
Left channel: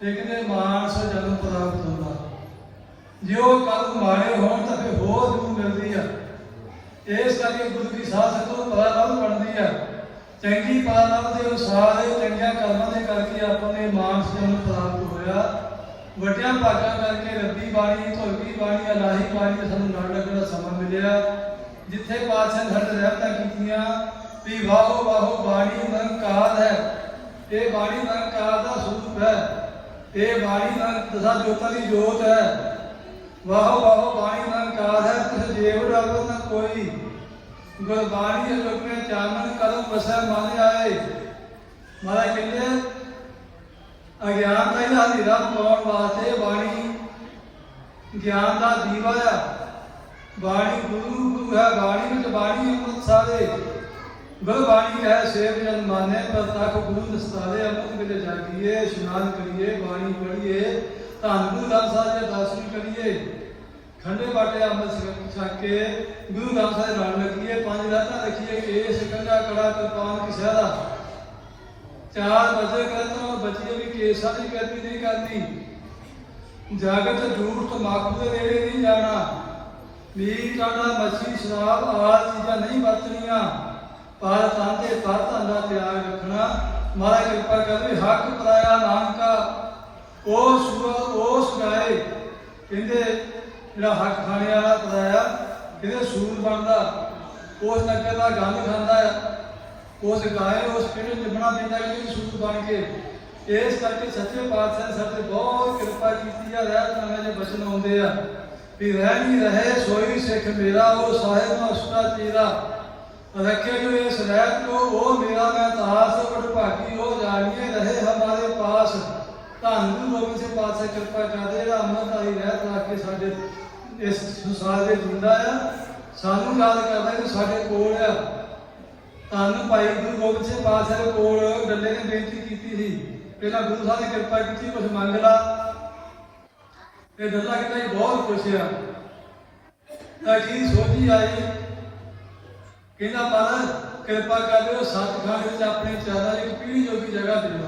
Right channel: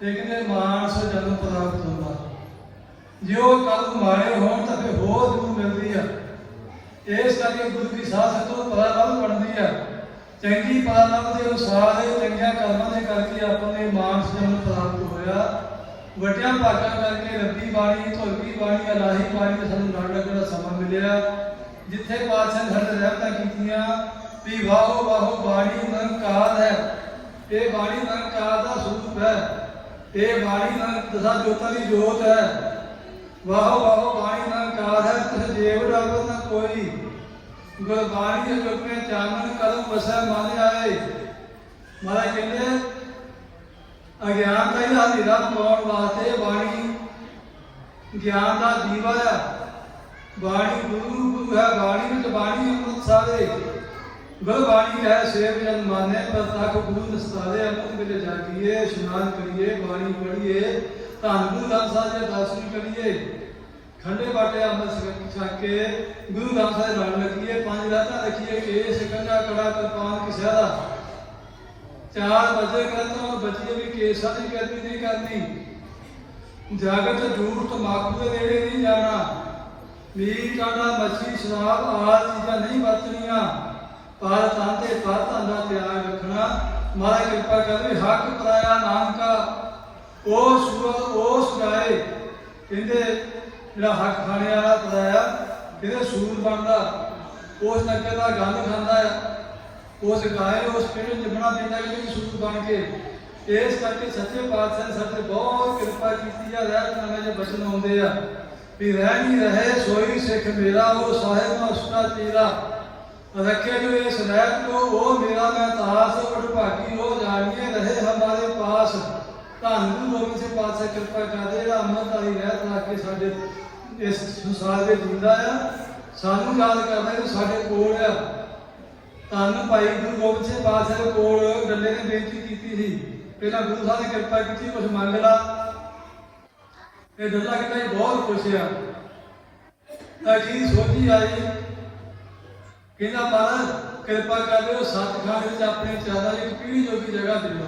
ਤੇ ਕਹਿੰਦੇ ਮਾਨਸ ਜਨਮ ਪ੍ਰਾਪਤ ਹੁੰਦਾ। ਜੇ ਉਹ ਕਰਮ ਮਾੜੇ ਹੋਣ ਤਾਂ ਫਿਰ ਹੋਰ ਜ਼ਰੂਰ ਮਿਲਦੀ ਆ। ਇਸ ਕਰਕੇ ਗੁਰੂ ਕੀ ਸਾਧ ਸੰਗਤ ਨੂੰ ਪਤਾ ਵੱਧ ਪੜਦੀ ਹੈ। ਚੰਗੀ ਪਾਲਣਾ ਦੇ ਅਨੁਸਾਰ ਚੰਗੀਆਂ ਕਰਮਾਂ ਦੇ ਕਰਕੇ ਆਪਣੇ ਮਾਨਸ ਜਨਮ ਪ੍ਰਾਪਤ ਹੋਇਆ। ਵੱਡਿਆਂ ਭਾਗਾਂ ਕਰਕੇ ਰੱਬੀ ਬਾਣੀ, ਧਰਮੀ ਬਾਣੀ, ਇਲਾਹੀ ਬਾਣੀ ਦਾ ਸਾਨੂੰ ਲੜ ਲੱਗਣ ਦਾ ਸਮਾਂ ਮਿਲਿਆ। ਜਿੱਥੇ ਪਾਤਸ਼ਾਹ ਨੇ ਸਾਡੇ ਰਹਿਮਤਾਂ ਕੀਤੀਆਂ ਵੀ ਵਾਹੋ ਵਾਹੋ ਬਾਣੀ ਨਿਰੰਕਾਰ ਹੈ। ਇਹ ਬਾਣੀ ਨਿਰੰਕਾਰ ਦਾ ਸਰੂਪ ਹੈ। ਇਹ ਬਾਣੀ ਦਸਾਂ ਜੋਤਾਂ ਦੀ ਜੋਤ ਹੈ। ਵਾਹੋ ਵਾਹੋ ਬਾਣੀ ਨਿਰੰਕਾਰ ਹੈ। ਕਿਸੇ ਦੇਵ ਡਾਕੋ ਨਾ ਕੋਈ। ਗੁਰਬਾਣੀ ਆਪਣੇ ਚਾਨਣ ਕਲਮ ਵਸੈ ਮਨ ਆਏ। ਮਹਾਰਾਜ ਕਹਿੰਦੇ ਅਗਿਆਨ ਦਾ ਇਹਦਾ ਹਨੇਰਾ ਪਾਉਣ ਵਾਸਤੇ ਬਾਣੀ ਗਿਆਨ ਦਾ ਦੀਵਾ ਹੈ। ਬਾਣੀ ਗੁਰੂ ਗੁਰੂ ਹੈ। ਬਾਣੀ ਵਿੱਚ ਬਾਣੀ ਅੰਮ੍ਰਿਤ ਸਾਰੇ। ਗੁਰਬਾਣੀ ਹੈ ਸੇਵ ਜਨ ਮਾਨੇ ਪ੍ਰਤੱਖ ਗੁਰੂ ਨਿਸਤਾਰੇ। ਅੰਮ੍ਰਿਤ ਵੇਲੇ ਜਾਗੀਏ, ਇਸ਼ਨਾਨ ਕਰੀਏ, ਬਾਣੀ ਪੜ੍ਹੀਏ, ਧੰਨ ਗੁਰੂ ਗ੍ਰੰਥ ਸਾਹਿਬ ਜੀ ਦਰਸ਼ਨ ਕਰੀਏ, ਖੰਡੇ ਬਾਟੇ ਅੰਮ੍ਰਿਤ ਛਕ ਕੇ ਗੁਰੂ ਗ੍ਰੰਥ ਸਾਹਿਬ ਨਾਲ ਲੱਗੀਏ, ਪੰਜ ਰਾਤਾਂ ਰੱਖੀਏ। ਕੇਸ ਕੰਘਾ ਕੜਾ ਕਿਰਪਾਨ ਕਿਸੇ ਦਾ 4 ਵਜੇ ਕਰਨਾ ਬੱਚੇ ਵੀ ਕੇਸਾਂ ਦੀ ਬੇਅਦਬੀ ਨਹੀਂ ਕਰਨੀ। ਜਾਗਤ ਝੂਠ ਤਮਾਕੂ ਦੇ ਨੇੜੇ ਨਹੀਂ ਜਾਣਾ। ਨੀਰ ਕਾੜਾ ਮੱਛੀ ਸ਼ਰਾਬ ਆਦਿ ਚੀਜ਼ਾਂ ਨਹੀਂ ਵਰਤਣੀਆਂ। ਪਰ ਤਨ ਦੇ ਪਰ ਧਨ ਦਾ ਤਿਆਗ ਰੱਖਣਾ। ਮਹਾਰਾਜ ਕਿਰਪਾ ਕਰਦੇ ਹੱਕ ਪਰਾਇਆ ਨਾਨਕਾ ਉਹ ਸੂਰਤ ਉਸ ਗਾਏ। ਕਹਿੰਦੇ ਜਿਹੜਾ ਹੱਕ ਖਾਣੇ ਵਾਲਾ ਪਰਾਇਆ ਕਹਿੰਦੇ ਸੂਰ ਬਣਦਾ, ਉਸ ਨਗਰ ਦਾ ਗੰਦ ਖਾਂਦਾ ਹੈ, ਉਸ ਗਾਏ ਉਸ ਕਿਹੜੇ ਲਿਬਣਾ ਦੇਣਾ ਕਿ ਸੂਰ ਬਣ ਕੇ। ਇਸ ਕਰਕੇ ਸੱਚੇ ਪਾਤਸ਼ਾਹ ਸਾਡੇ ਬਹੁਤ ਕਿਰਪਾ ਕੀਤੀ ਆ। ਰਹਿਤ ਦੇ ਬਚਨ ਆਉਂਦੇ ਆ ਵੀ ਰਹਿ ਨਹੀਂ ਰਹੇ ਸੋਈ ਸਿੱਖ ਮੇਰਾ ਉਹ ਸਾਹਿਬ ਨਾ ਉਸਦਾ ਤੇਰਾ। ਰੱਖੇ ਜੋ ਇਸ ਰਹਿਤ को ਉਹ ਮੇਰਾ ਮੈਂ ਤਾਸ ਵਡਭਾਗੀ ਉਹ ਜਾਣੀਏ ਰਹੇ ਹਮਾਰੇ ਪਾਸ। ਧੰਨ ਗੁਰੂ ਗੋਬਿੰਦ ਸਿੰਘ ਪਾਤਸ਼ਾਹ ਕਿਰਪਾ ਕਰਦੇ ਜਿਹੜਾ ਅੰਮ੍ਰਿਤ ਵਾਲੀ ਰਹਿਤ ਲਾ ਕੇ ਸਾਡੇ ਇਸ ਸੰਸਾਰ ਦੇ ਜਿੰਦਾ ਆ। ਸਾਨੂੰ ਯਾਦ ਕਰਦਾ ਕਿ ਸਾਡੇ ਕੋਲ ਆ। ਧੰਨ ਭਾਈ ਗੁਰੂ ਗੋਬਿੰਦ ਸਿੰਘ ਪਾਤਸ਼ਾਹ ਦੇ ਕੋਲ ਗੱਲੇ ਨੇ ਬੇਨਤੀ ਕੀਤੀ ਸੀ ਪਹਿਲਾਂ ਗੁਰੂ ਸਾਹਿਬ ਨੇ ਕਿਰਪਾ ਕੀਤੀ ਕੁਝ ਮੰਗ ਲਾ। ਇਹ ਦੱਸਦਾ ਕਹਿੰਦਾ ਬਹੁਤ ਖੁਸ਼ ਆ। ਤਾਂ ਜੀ ਸੋਚੀ ਆਈ ਕਹਿੰਦਾ ਮਹਾਰਾਜ ਕਿਰਪਾ ਕਰ ਦਿਓ ਸੱਚਖੰਡ ਵਿੱਚ ਆਪਣੀ ਚਾਦਰ ਦੀ ਪੀੜੀ ਜੋਗੀ ਜਗ੍ਹਾ ਦੇ ਦਿਓ।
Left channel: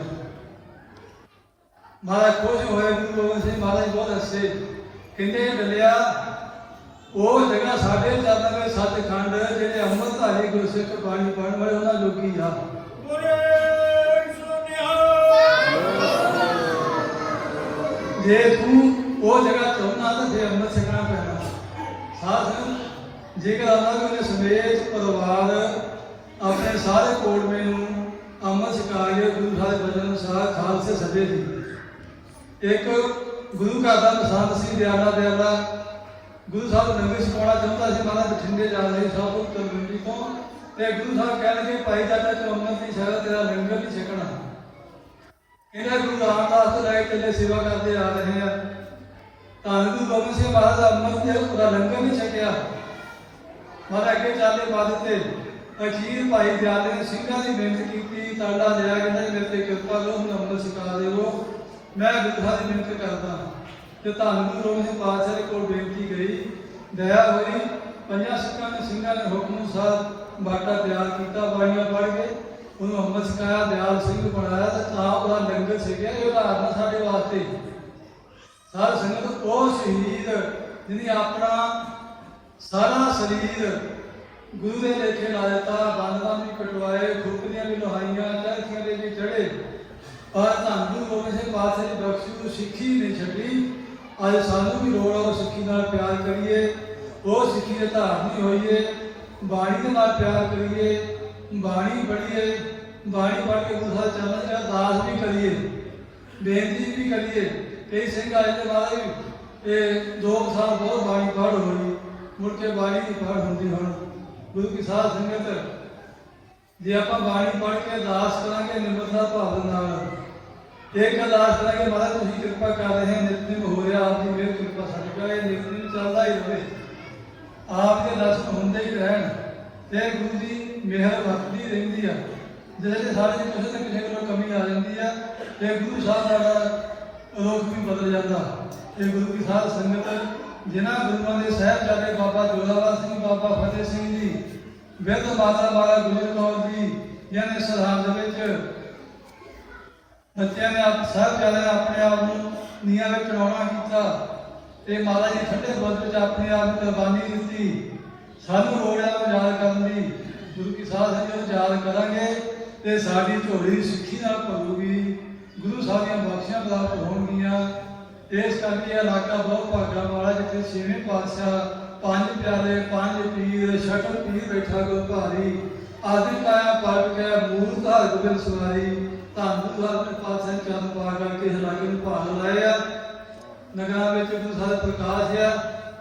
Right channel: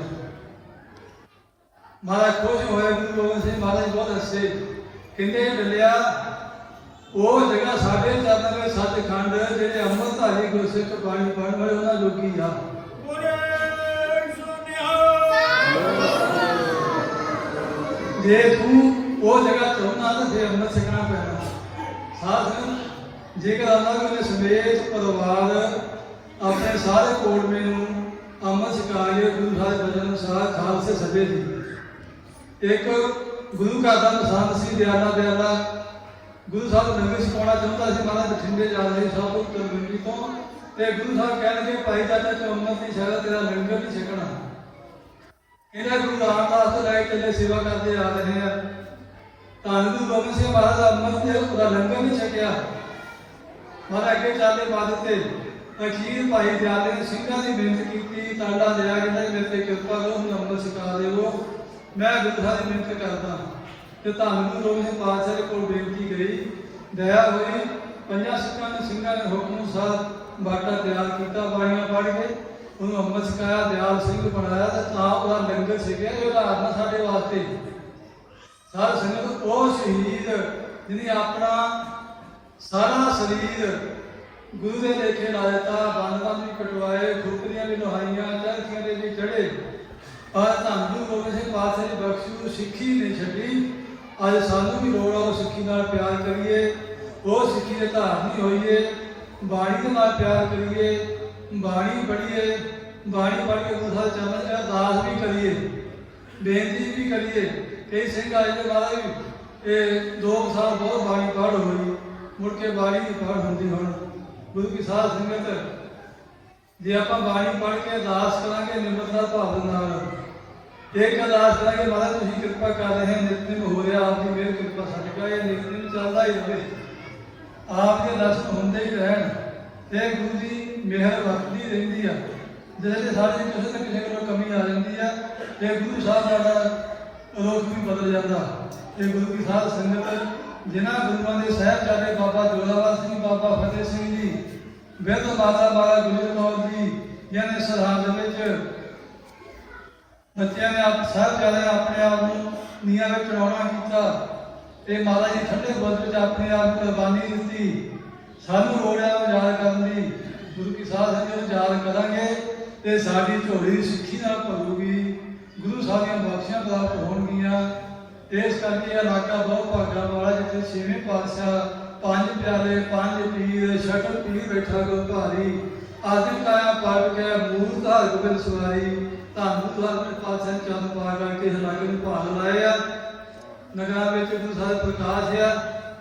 ਮਹਾਰਾਜ ਖੁਸ਼ ਹੋਏ। ਗੁਰੂ ਗੋਬਿੰਦ ਸਿੰਘ ਮਹਾਰਾਜ ਬਹੁਤ ਹੱਸੇ। ਕਹਿੰਦੇ ਡੱਲਿਆ ਉਹ ਜਗ੍ਹਾ ਸਾਡੇ ਚਾਦਰ ਵਿੱਚ ਸੱਚਖੰਡ ਜਿਹੜੇ ਅੰਮ੍ਰਿਤਧਾਰੀ ਗੁਰਸਿੱਖ ਬਾਣੀ ਪੜ੍ਹਨ ਵਾਲੇ ਉਹਨਾਂ ਜੋਗੀ ਆ। ਜੇ ਤੂੰ ਉਹ ਜਗ੍ਹਾ ਚਾਹੁੰਦਾ ਤਾਂ ਫਿਰ ਅੰਮ੍ਰਿਤ ਛਕਣਾ ਪੈਣਾ। ਸਾਧ ਜੇਕਰ ਆਵਾਂਗੇ ਉਹਨੇ ਸਮੇਤ ਪਰਿਵਾਰ ਆਪਣੇ ਸਾਰੇ ਕੋੜਵੇਂ ਨੂੰ ਅੰਮ੍ਰਿਤ ਛਕਾ ਕੇ ਗੁਰੂ ਸਾਹਿਬ ਬਚਨ ਅਨੁਸਾਰ ਖਾਲਸੇ ਸਭੇ ਦੀ ਇੱਕ ਗੁਰੂ ਘਰ ਦਾ ਪਸੰਦ ਸੀ। ਦਿਆਲਾ ਦਿਆਲਾ ਗੁਰੂ ਸਾਹਿਬ ਲੰਗਰ ਛਕਾਉਣਾ ਚਾਹੁੰਦਾ ਸੀ। ਮਹਾਰਾਜ ਬਠਿੰਡੇ ਜਾ ਰਹੇ ਸਭ ਕੁਝ ਕਰਵੰਡੀ ਤੋਂ ਤੇ ਗੁਰੂ ਸਾਹਿਬ ਕਹਿਣਗੇ ਭਾਈ ਦਾਦਾ ਤੂੰ ਅੰਮ੍ਰਿਤ ਦੀ ਸੇਵਾ ਤੇਰਾ ਲੰਗਰ ਨਹੀਂ ਛਕਣਾ। ਇਹਨਾਂ ਗੁਰੂ ਰਾਮਦਾਸ ਤੋਂ ਲੈ ਕੇ ਸੇਵਾ ਕਰਦੇ ਆ ਰਹੇ ਆ। ਧੰਨ ਗੁਰੂ ਗੋਬਿੰਦ ਸਿੰਘ ਮਹਾਰਾਜ ਦਾ ਅੰਮ੍ਰਿਤ ਤੇ ਉਹਦਾ ਲੰਗਰ ਨਹੀਂ ਛਕਿਆ। ਮਹਾਰਾਜ ਅੱਗੇ ਚਾਲੇ ਬਾਦ ਤੇ ਅਖੀਰ ਭਾਈ ਦਿਆਲੇ ਨੇ ਸਿੰਘਾਂ ਦੀ ਬੇਨਤੀ ਕੀਤੀ। ਤਾਲਾ ਲਿਆ ਕਹਿੰਦੇ ਮੇਰੇ ਤੇ ਕਿਰਪਾ ਕਰੋ ਹੁਣ ਅੰਮ੍ਰਿਤ ਛਕਾ ਦੇਵੋ। ਮੈਂ ਗੁਰੂ ਸਾਹਿਬ ਦੀ ਬੇਨਤੀ ਕਰਦਾ ਤੇ ਧੰਨ ਗੁਰੂ ਗੋਬਿੰਦ ਸਿੰਘ ਪਾਤਸ਼ਾਹ ਕੋਲ ਬੇਨਤੀ ਗਈ। ਦਇਆ ਹੋਈ। ਪੰਜਾਂ ਸਿੱਖਾਂ ਨੇ ਸਿੰਘਾਂ ਨੇ ਹੁਕਮ ਅਨੁਸਾਰ ਬਾਟਾ ਤਿਆਰ ਕੀਤਾ। ਬਾਣੀਆਂ ਪੜ੍ਹ ਕੇ ਉਹਨੂੰ ਅੰਮ੍ਰਿਤ ਛਕਾਇਆ। ਦਿਆਲ ਸਿੰਘ ਬਣਾਇਆ ਤੇ ਤਾਂ ਉਹਦਾ ਲੰਗਰ ਛਕਿਆ। ਇਹ ਉਦਾਹਰਨ ਸਾਡੇ ਵਾਸਤੇ ਸਾਧ ਸੰਗਤ ਉਹ ਸ਼ਹੀਦ ਜਿਹਨੇ ਆਪਣਾ ਸਾਰਾ ਸਰੀਰ ਗੁਰੂ ਦੇ ਲੇਖੇ ਲਾ ਦਿੱਤਾ। ਬੰਦਾਂ ਵੀ ਕਟਵਾਏ, ਖੁਰਕੀਆਂ ਵੀ ਲਹਾਈਆਂ, ਚਰਖੀਆਂ ਦੇ ਵੀ ਚੜੇ। ਪਰ ਧੰਨ ਗੁਰੂ ਗੋਬਿੰਦ ਸਿੰਘ ਪਾਤਸ਼ਾਹ ਦੀ ਬਖਸ਼ੀ ਨੂੰ ਸਿੱਖੀ ਨਹੀਂ ਛੱਡੀ। ਅੱਜ ਸਾਨੂੰ ਵੀ ਲੋੜ ਆ ਉਹ ਸਿੱਖੀ ਨਾਲ ਪਿਆਰ ਕਰੀਏ, ਉਹ ਸਿੱਖੀ ਦੇ ਧਾਰਨੀ ਹੋਈਏ, ਬਾਣੀ ਦੇ ਨਾਲ ਪਿਆਰ ਕਰੀਏ, ਬਾਣੀ ਪੜ੍ਹੀਏ, ਬਾਣੀ ਪੜ੍ਹ ਕੇ ਗੁਰੂ ਸਾਹਿਬ ਚਰਨ ਚ ਅਰਦਾਸ ਵੀ ਕਰੀਏ, ਬੇਨਤੀ ਵੀ ਕਰੀਏ। ਕਈ ਸਿੰਘ ਆਏ ਦੇ ਨਾਲ ਇਹ 2 ਸਾਲ ਬਹੁਤ ਬਾਣੀ ਪੜ੍ਹ ਹੋਈ, ਮੁੜ ਕੇ ਬਾਣੀ ਦੀ ਪੜ੍ਹ ਹੁੰਦੀ। ਹੁਣ ਗੁਰੂ ਕੀ ਸਾਧ ਸੰਗਤ ਜੇ ਆਪਾਂ ਬਾਣੀ ਪੜ੍ਹ ਕੇ ਅਰਦਾਸ ਕਰਾਂਗੇ ਨਿਮਰਤਾ ਭਾਵ ਨਾਲ ਇੱਕ ਅਰਦਾਸ ਕਰਾਂਗੇ ਮਹਾਰਾਜ ਤੁਸੀਂ ਕਿਰਪਾ ਕਰ ਰਹੇ ਹੋ, ਨਿਤਨੇਮ ਹੋ ਰਿਹਾ, ਆਪਦੀ ਮਿਹਰ ਕਿਰਪਾ ਸਾਡੇ ਕੋਲ ਇਹ ਨਿਤਨੇਮ ਚੱਲਦਾ ਹੀ ਰਹੇ, ਆਪ ਦੇ ਦਰਸ਼ਨ ਹੁੰਦੇ ਹੀ ਰਹਿਣ ਤੇ ਗੁਰੂ ਦੀ ਮਿਹਰ ਵਰਤਦੀ ਰਹਿੰਦੀ ਆ। ਜਿਹੜੇ ਸਾਡੇ ਕਿਸੇ ਨਾ ਕਿਸੇ ਕੋਲ ਕਮੀ ਆ ਜਾਂਦੀ ਆ ਤੇ ਗੁਰੂ ਸਾਹਿਬ ਦਾ ਰੂਪ ਵੀ ਬਦਲ ਜਾਂਦਾ। ਤੇ ਗੁਰੂ ਕੀ ਸਾਧ ਸੰਗਤ ਜਿਨ੍ਹਾਂ ਗੁਰੂਆਂ ਦੇ ਸਾਹਿਬਜ਼ਾਦੇ ਬਾਬਾ ਜੋਰਾਵਰ ਸਿੰਘ, ਬਾਬਾ ਫਤਿਹ ਸਿੰਘ ਜੀ, ਵਿਦ ਮਾਤਾ ਬਾਲਾ ਗੁਜਰ ਕੌਰ ਜੀ, ਜਿਹਨੇ ਸਰਹੰਦ ਵਿੱਚ ਬੱਚਿਆਂ ਨੇ ਸਾਹਿਬਜ਼ਾਦੇ ਆਪਣੇ ਆਪ ਨੂੰ ਨੀਹਾਂ ਵਿੱਚ ਚੜਾਉਣਾ ਕੀਤਾ ਤੇ ਮਾਤਾ ਜੀ ਠੰਡੇ ਬੁਰਜ ਵਿੱਚ ਆਪਣੇ ਆਪ ਨੂੰ ਕੁਰਬਾਨੀ ਦਿੱਤੀ। ਸਾਨੂੰ ਲੋੜ ਆ ਯਾਦ ਕਰਨ ਦੀ। ਗੁਰੂ ਕੀ ਸਾਧ ਸੰਗਤ ਨੂੰ ਯਾਦ ਕਰਾਂਗੇ ਤੇ ਸਾਡੀ ਝੋਲੀ ਸਿੱਖੀ ਨਾਲ ਭਰੂਗੀ, ਗੁਰੂ ਸਾਹਿਬ ਦੀਆਂ ਬਖਸ਼ੀਆਂ ਪ੍ਰਾਪਤ ਹੋਣਗੀਆਂ। ਇਸ ਕਰਕੇ ਇਹ ਇਲਾਕਾ ਬਹੁਤ ਭਾਗਾਂ ਵਾਲਾ, ਜਿੱਥੇ ਛੇਵੇਂ ਪਾਤਸ਼ਾਹ, ਪੰਜ ਪਿਆਰੇ, ਪੰਜ ਪੀਰ, ਸ਼ਕਲ ਪੀਰ ਬੈਠਾ ਗੁਰੂ ਭਾਰੀ, ਆਦਿ ਕਾਇਆ ਪਾਟ ਗਿਆ ਮੂਲ ਧਾਰ ਗੋਬਿੰਦ ਸਵਾਈ, ਧੰਨ ਗੁਰੂ ਪਾਤਸ਼ਾਹ ਚਰਨ ਪਾ ਕਰਕੇ ਇਸ ਇਲਾਕੇ ਨੂੰ ਭਾਗ ਲਾਏ ਆ। ਨਗਰਾਂ ਵਿੱਚ ਗੁਰੂ ਸਾਹਿਬ ਪ੍ਰਕਾਸ਼ ਆ।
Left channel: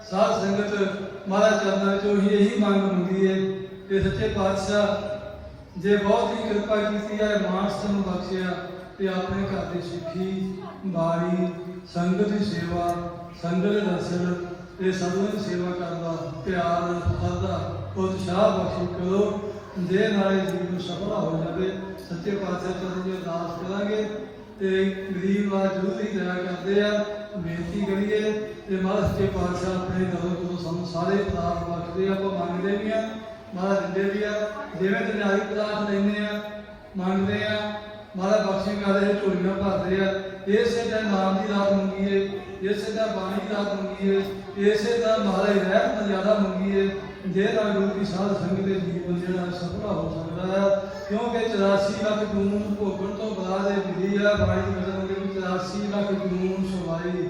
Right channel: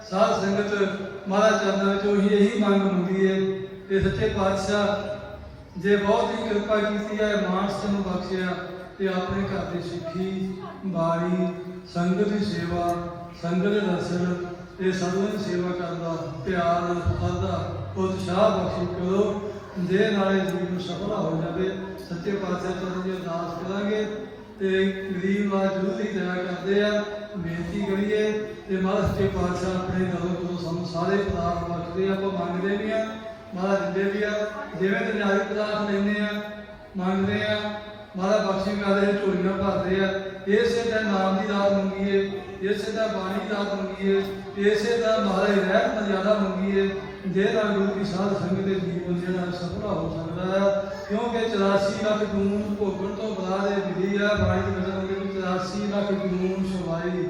ਸਾਧ ਸੰਗਤ ਮਹਾਰਾਜ ਚਰਨਾਂ ਵਿੱਚ ਉਹੀ ਇਹੀ ਮੰਗ ਹੁੰਦੀ ਹੈ ਕਿ ਸੱਚੇ ਪਾਤਸ਼ਾਹ ਜੇ ਬਹੁਤ ਹੀ ਕਿਰਪਾ ਕੀਤੀ ਹੈ, ਮਾਨਸ ਨੂੰ ਬਖਸ਼ਿਆ ਤੇ ਆਪਣੇ ਘਰ ਦੀ ਸਿੱਖੀ, ਬਾਣੀ, ਸੰਗਤ ਦੀ ਸੇਵਾ, ਸੰਗਤ ਦੇ ਦਰਸ਼ਨ ਤੇ ਸਾਧੂਆਂ ਦੀ ਸੇਵਾ ਕਰਨ ਦਾ ਪਿਆਰ, ਸ਼ਰਧਾ, ਉਤਸ਼ਾਹ ਬਖਸ਼ੀ ਕਰੋ, ਜੇ ਨਾਲੇ ਜੀਵਨ ਨੂੰ ਸਫਲ ਹੋ ਜਾਵੇ। ਸੱਚੇ ਪਾਤਸ਼ਾਹ ਚਰਨ ਦੀ ਅਰਦਾਸ ਕਰਾਂਗੇ ਤੇ ਗਰੀਬ ਨਾਲ ਜ਼ਰੂਰ ਹੀ ਦਇਆ ਕਰਦੇ ਆ, ਬੇਨਤੀ ਕਰੀਏ ਤੇ ਮਹਾਰਾਜ ਸੱਚੇ ਪਾਤਸ਼ਾਹ ਆਪਣੇ ਦਰ ਤੋਂ ਸਾਨੂੰ ਸਾਰੇ ਪਦਾਰਥ ਬਖਸ਼ਦੇ ਆ। ਉਹ ਮੰਗਦੇ ਵੀ ਆ, ਮਹਾਰਾਜ ਦਿੰਦੇ ਵੀ ਆ। ਜਿਵੇਂ ਦੁਨਿਆਵੀ ਪਦਾਰਥ ਲੈਂਦੇ ਆ, ਮੰਗਦੇ ਆ, ਮਹਾਰਾਜ ਬਖਸ਼ੀ ਕਰਦੇ, ਝੋਲੀਆਂ ਭਰਦੇ ਆ। ਇਸੇ ਤਰ੍ਹਾਂ ਨਾਮ ਦੀ ਦਾਤ ਮੰਗੀਏ, ਇਸੇ ਤਰ੍ਹਾਂ ਬਾਣੀ ਦੀ ਦਾਤ ਮੰਗੀਏ, ਇਸੇ ਤਰ੍ਹਾਂ ਮਹਾਰਾਜ ਰਹਿਤ ਮਰਿਆਦਾ ਮੰਗੀਏ, ਜਿਹਦਾ ਗੁਰੂ ਕੀ ਸਾਧ ਸੰਗਤ ਦੇ ਜੀਵਨ ਦੇ ਨਾਲ ਸਫਲ ਹੋ ਸਕਦਾ ਹੈ। ਕਿਉਂਕਿ 84 ਲੱਖ ਜੂਨ ਭੋਗਣ ਤੋਂ ਬਾਅਦ ਇਹ ਵਿਧੀ ਆ ਬਾਣੀ ਦੀ ਵਜ੍ਹਾ ਹੋ ਗਈ 84 ਲੱਖ ਜੂਨ ਸਵਾਈ,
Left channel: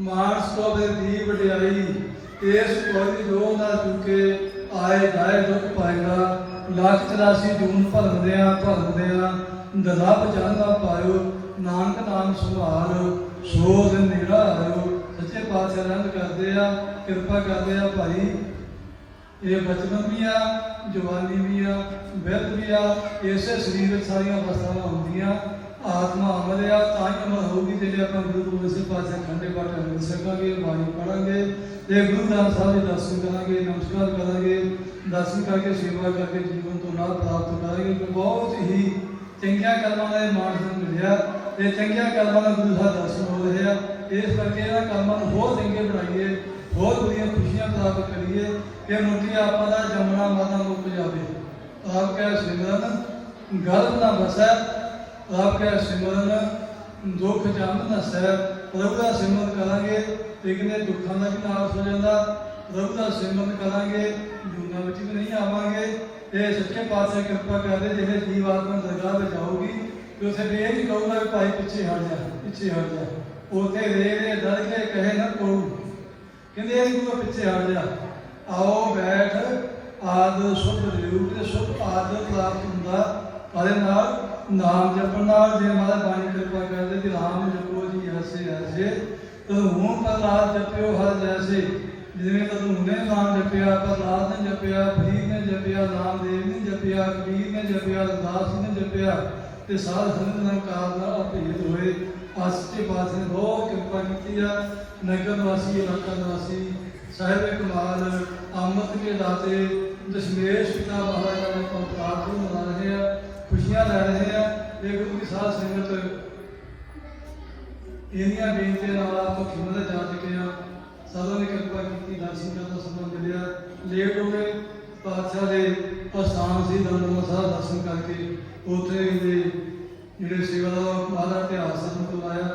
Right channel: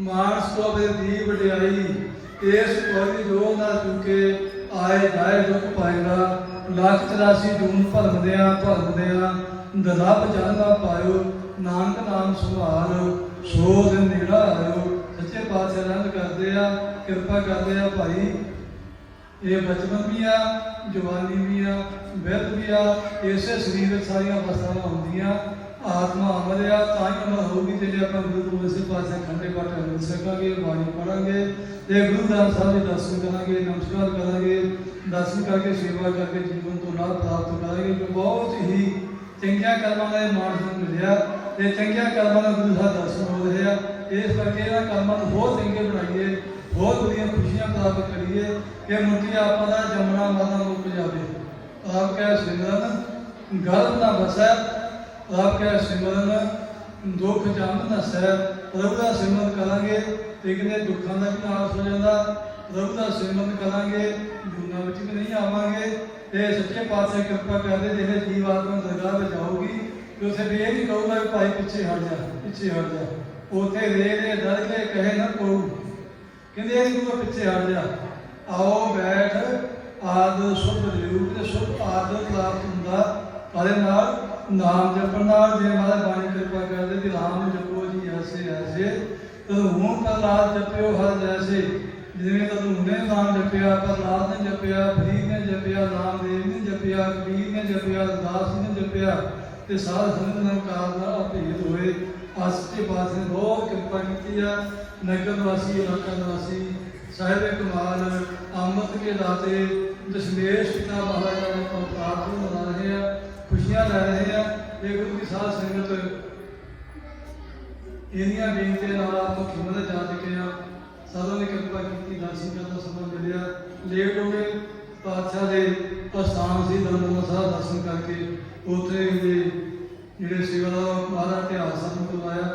ਮਾਨਸ ਤੋਂ ਫਿਰ ਦੀ ਵਡਿਆਈ, ਇਸ ਕੋਈ ਜੋ ਨਾ ਚੁੱਕੇ ਆਏ ਜਾਏ ਦੁੱਖ ਪਾਏਗਾ। ਲੱਖ 84 ਜੂਨ ਭਰਮਦਿਆਂ ਰੱਬ ਜਾਣਦਾ ਪਾਇਓ, ਨਾਨਕ ਨਾਮ ਸੁਭਾਲ, ਸੋ ਦਿਨ ਨਿਗੜਾ ਆਇਓ। ਸੱਚੇ ਪਾਤਸ਼ਾਹ ਰੰਗ ਕਰਦੇ ਆ, ਕਿਰਪਾ ਕਰਦੇ ਆ ਭਾਈ। ਇਹ ਬਚਪਨ ਵੀ ਆ, ਜਵਾਨੀ ਵੀ ਆ, ਬਿਰਧ ਵੀ ਆ। ਇਸੇ ਸਰੀਰ ਵਿੱਚ ਸਾਰੀਆਂ ਅਵਸਥਾਵਾਂ ਹੁੰਦੀਆਂ। ਆਤਮਾ ਅਮਰ ਆ, ਤਾਂ ਹੀ ਅਮਰ ਹੋਊਗੀ ਜਿਹੜੇ ਆਪਾਂ ਗੁਰੂ ਗੋਬਿੰਦ ਸਿੰਘ ਪਾਤਸ਼ਾਹ ਖੰਡੇ ਪਾਠ ਮਿਲ ਸਕਾਂਗੇ, ਬਾਣੀ ਪੜਾਂਗੇ ਤੇ ਗੁਰੂ ਗ੍ਰੰਥ ਸਾਹਿਬ ਦੇ ਦਰਸ਼ਨ ਕਰਾਂਗੇ, ਨਮਸਕਾਰ ਕਰਾਂਗੇ, ਦਰਸ਼ਨ ਕਰਕੇ ਸੇਵਾ ਕਰਕੇ ਜੀਵਨ ਤੋਂ ਲਾਭ ਪ੍ਰਾਪਤ ਕਰਾਂਗੇ। ਬਹੁਤ ਹੀ ਚੰਗੀਆਂ ਕਰਮਾਂ ਦਾ ਮਾਣ ਨੂੰ ਮਿਲਿਆ ਤੇ ਚੰਗੀਆਂ ਕਰਮਾਂ ਦਾ ਗੁਰੂ ਸਾਹਿਬ ਦਰਸ਼ਨ ਹੋ ਰਿਹਾ। ਇਸ ਕਰਕੇ ਇਹਨਾਂ ਕਰਮਾਂ ਨੂੰ ਹੋਰ ਚੰਗੇ ਬਣਾਈਏ, ਬਹੁਤ ਵਧੀਆ ਖੁਸ਼ੀਆਂ ਪ੍ਰਾਪਤ ਕਰੀਏ ਕਿ ਮੁਕਤੀ ਆਪਾਂ ਦਾ ਜੰਮਣਾ ਮਰਨਾ ਮੁੱਕ ਜਾਵੇ। ਆਪ ਕਹਿ ਸਿਮਰਨ ਗਰਭ ਨਾ ਵਸੈ, ਆਪ ਕਹਿ ਸਿਮਰਨ ਦੁੱਖ ਜਮ ਨਸੈ। ਪ੍ਰਭੂ ਦਾ ਸਿਮਰਨ ਕਰਾਂਗੇ ਤੇ ਕਿਤੇ ਦੁੱਖਾਂ ਦਾ ਵੀ ਨਾਸ਼ ਹੋ ਜਾਂਦਾ। ਪ੍ਰਭੂ ਦਾ ਸਿਮਰਨ ਕਰਾਂਗੇ, ਦੁਨੀਆਂ ਵਿੱਚ ਵੀ ਨਹੀਂ ਆਵਾਂਗੇ। ਤੇ ਸੱਚੇ ਪਾਤਸ਼ਾਹ ਕਿਰਪਾ ਕਰਦੇ, ਜਿਹੜੇ ਜੀਵ ਆਤਮਾ ਦਰਗਾਹ ਵਿੱਚ ਜਾਊਗੀ ਤੇ ਉੱਥੇ ਵੀ ਇਹ ਨਹੀਂ ਕਹੂਗਾ ਵੀ ਭਾਈ ਪਿੱਛੇ ਹਟ ਜਾ, ਪਿੱਛੇ ਹਟ ਜਾ। ਉੱਥੇ ਰੇ ਡਰ ਕੇ ਕਹੇ ਨਾ ਕਹੂ, ਕਹਿੰਦੇ ਇਹ ਨਹੀਂ ਪਿੱਛੇ ਹਟ ਜਾ। ਆਓ ਬੈਠ ਆਦਿ ਸੁਧ ਰੂਪ ਤੇ ਸੁਧ ਆਦਿ ਪ੍ਰਾਪਤ ਹੁੰਦਾ ਉਹਦੇ ਨਾਲ ਨਾਮ ਜਪਣ ਨਾਲ। ਜੇ ਮਹਾਰਾਜ ਬਾਣੀ ਕਿਰਪਾ ਕਰਦੇ ਕਿ ਨਾਮ ਜਪੋ ਜੀ ਐਸੇ ਐਸੇ, ਤਦੋਂ ਹੁਣ ਪ੍ਰਹਲਾਦ ਜਪਿਓ ਹਰ ਜੈਸੇ। ਜਿਵੇਂ ਤਦੋਂ ਹੁਣੇ ਨਾਮ ਜਪਿਆ, ਪ੍ਰਹਲਾਦ ਨੇ ਜਪਿਆ, ਫਰੀਦ ਨੇ ਜਪਿਆ, ਨਾਮਦੇਵ ਨੇ ਜਪਿਆ, ਕਬੀਰ ਨੇ ਜਪਿਆ, ਰਵਿਦਾਸ ਨੇ ਜਪਿਆ ਤੇ ਸਾਧ ਸੰਗਤ ਨੇ ਕਾਲ ਦਾ ਭੇਦ ਹੋਏ। ਆਸਤੇ ਪਾਸੇ ਬਹੁਤ ਕਿਰਪਾ ਕੀਤੀ ਆ। ਨਗਰ ਵਾਸੀ, ਇਲਾਕਾ ਵਾਸੀ, ਸਾਹਿਬ ਕਮਾਲ, ਅੰਮ੍ਰਿਤ ਕੇ ਦਾਤੇ, ਦਸ਼ਮੇਸ਼ ਪਿਤਾ ਮਹਾਰਾਜਾ ਦੇ ਪ੍ਰਤਾਪ ਨੂੰ ਮਨਾ ਰਹੇ ਆ, ਖੁਸ਼ੀਆਂ ਲੈ ਰਹੇ ਆ। ਇਹ ਗੁਰੂ ਦੀ ਸਾਧ ਸੰਗਤ ਇਹਨੀਆਂ ਬੇਨਤੀਆਂ ਨਾਲ ਆਪਾਂ ਖਿਮਤ ਜਾ ਚੁੱਕੇ ਆ। ਸਾਧੂ ਨੇ ਕਿਰਪਾ ਕੀਤੀ, ਦਰਸ਼ਨ ਕਰਨ ਦਾ ਸਮਾਂ ਮਿਲਿਆ। ਲੇਟ ਹੋ ਗਏ, ਪਾਤਸ਼ਾਹ ਦੇ ਪ੍ਰਸਥਾਨ ਸੀ ਦਰਬਾਰ ਸਾਹਿਬ ਦਰਸ਼ਨ ਕਰਕੇ ਉੱਥੇ ਦੇ ਜਿਹੜੇ ਸੇਵਾਦਾਰ ਮਹਾਰਾਜ ਇਤਿਹਾਸ ਨੂੰ ਕਰਵਾਇਆ।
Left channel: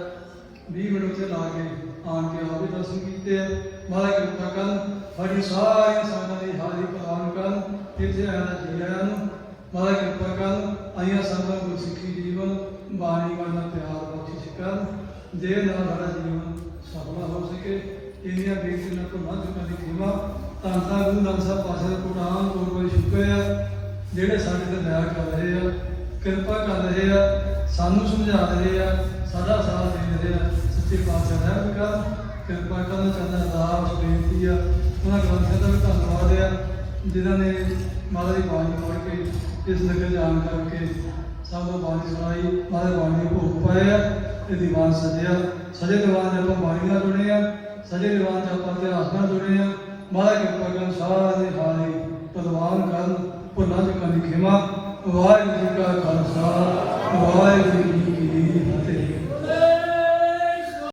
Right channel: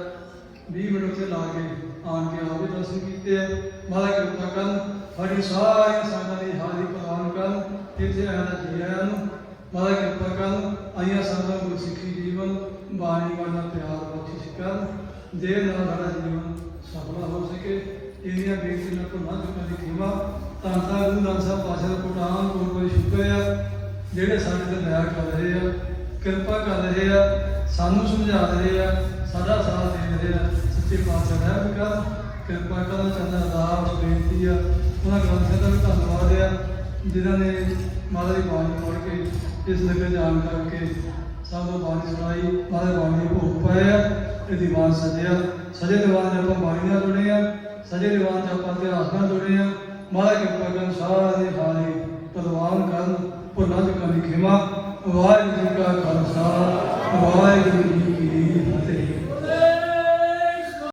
20 ਮਿੰਟ ਉੱਥੇ ਲਾ ਕੇ ਆਣ ਕੇ ਆਪ ਵੀ ਦਰਸ਼ਨ ਕੀਤੇ ਆ। ਮਹਾਰਾਜ ਕਿਰਪਾ ਕਰਨ, ਸਾਡੀ ਸਾਰੀਆਂ ਸੰਗਤਾਂ ਦੀ ਹਾਜ਼ਰੀ ਪ੍ਰਵਾਨ ਕਰਨ, ਇੱਥੇ ਆਇਆ ਜੀਆਂ ਨੂੰ ਮਹਾਰਾਜ ਕਿਰਪਾ ਕਰਨ। ਆਈਆਂ ਸੰਗਤਾਂ ਨੂੰ ਸਿੱਖੀ ਜੀਵਨ, ਬਾਣੀ ਵਾਲਾ ਪਿਆਰ ਬਖਸ਼ਿਸ਼ ਕਰ, ਜੇ ਨਾਲ ਸਾਡਾ ਜੀਵਨ ਸਫਲ ਹੋ ਸਕੇ। ਇਹਦੀਆਂ ਬੇਨਤੀ ਨਾਲ ਭੁੱਲਾਂ ਚੁੱਕਾਂ ਦੀ ਖਿਮਾ। ਧੰਨ ਧੰਨ ਗੁਰੂ ਨਾਨਕ ਸਾਹਿਬ ਪਾਤਸ਼ਾਹ ਦਾ ਕੋਟਾਨ ਕੋਟ ਸ਼ੁਕਰ ਆ, ਜਿਹੜੇ ਸਾਡੇ ਤੇ ਦਇਆ ਕਰ ਰਹੇ ਆ, ਕਿਰਪਾ ਕਰ ਰਹੇ ਆ, ਸਾਨੂੰ ਸਮਝਾ ਰਹੇ ਆ, ਸਾਡਾ ਸਾਥ ਦੇ ਰਹੇ ਆ। ਸੱਚੇ ਪਾਤਸ਼ਾਹ ਰਹਿਮ ਕਰ, ਕਿਰਪਾ ਕਰਨ ਕਰਨਾ ਅਰਦਾਸ ਬੇਨਤੀ ਆ। ਉਹਨਾਂ ਗ੍ਰੰਥਾਂ ਦਾ ਵੀ ਧੰਨਵਾਦ ਆ ਜਿਨ੍ਹਾਂ ਨੇ ਮਹਾਰਾਜ ਦੀ ਬਾਣੀ ਪੜ੍ਹ ਕੇ ਇਸ ਨਗਰ ਜਾਣ ਕਰਕੇ ਸਾਨੂੰ ਬਾਣੀ ਸੁਣਾਈ। ਮਹਾਰਾਜ ਬਾਣੀ ਦੇ ਭੋਗ ਪਾਏ ਆ ਤੇ ਦੀਵਾਨ ਸਜਿਆ। ਸਜੇ ਦੀਵਾਨ ਦੇ ਆਪਾਂ ਬਾਣੀ ਨਾਲ ਜੁੜੇ ਆ, ਸਜੇ ਦੀਵਾਨ 'ਚ ਆਪਾਂ ਇਤਿਹਾਸ ਨਾਲ ਜੁੜੇ ਆ। ਮਹਾਰਾਜ ਕਿਰਪਾ ਕਰਨ, ਸਾਰਿਆਂ ਦੇ ਹਾਰੇ ਪ੍ਰਵਾਨ ਕਰਨ, ਭੁੱਲਾਂ ਚੁੱਕਾਂ ਦੀ ਖਿਮਾ। ਵਾਹਿਗੁਰੂ ਜੀ ਕਾ ਖਾਲਸਾ, ਵਾਹਿਗੁਰੂ ਜੀ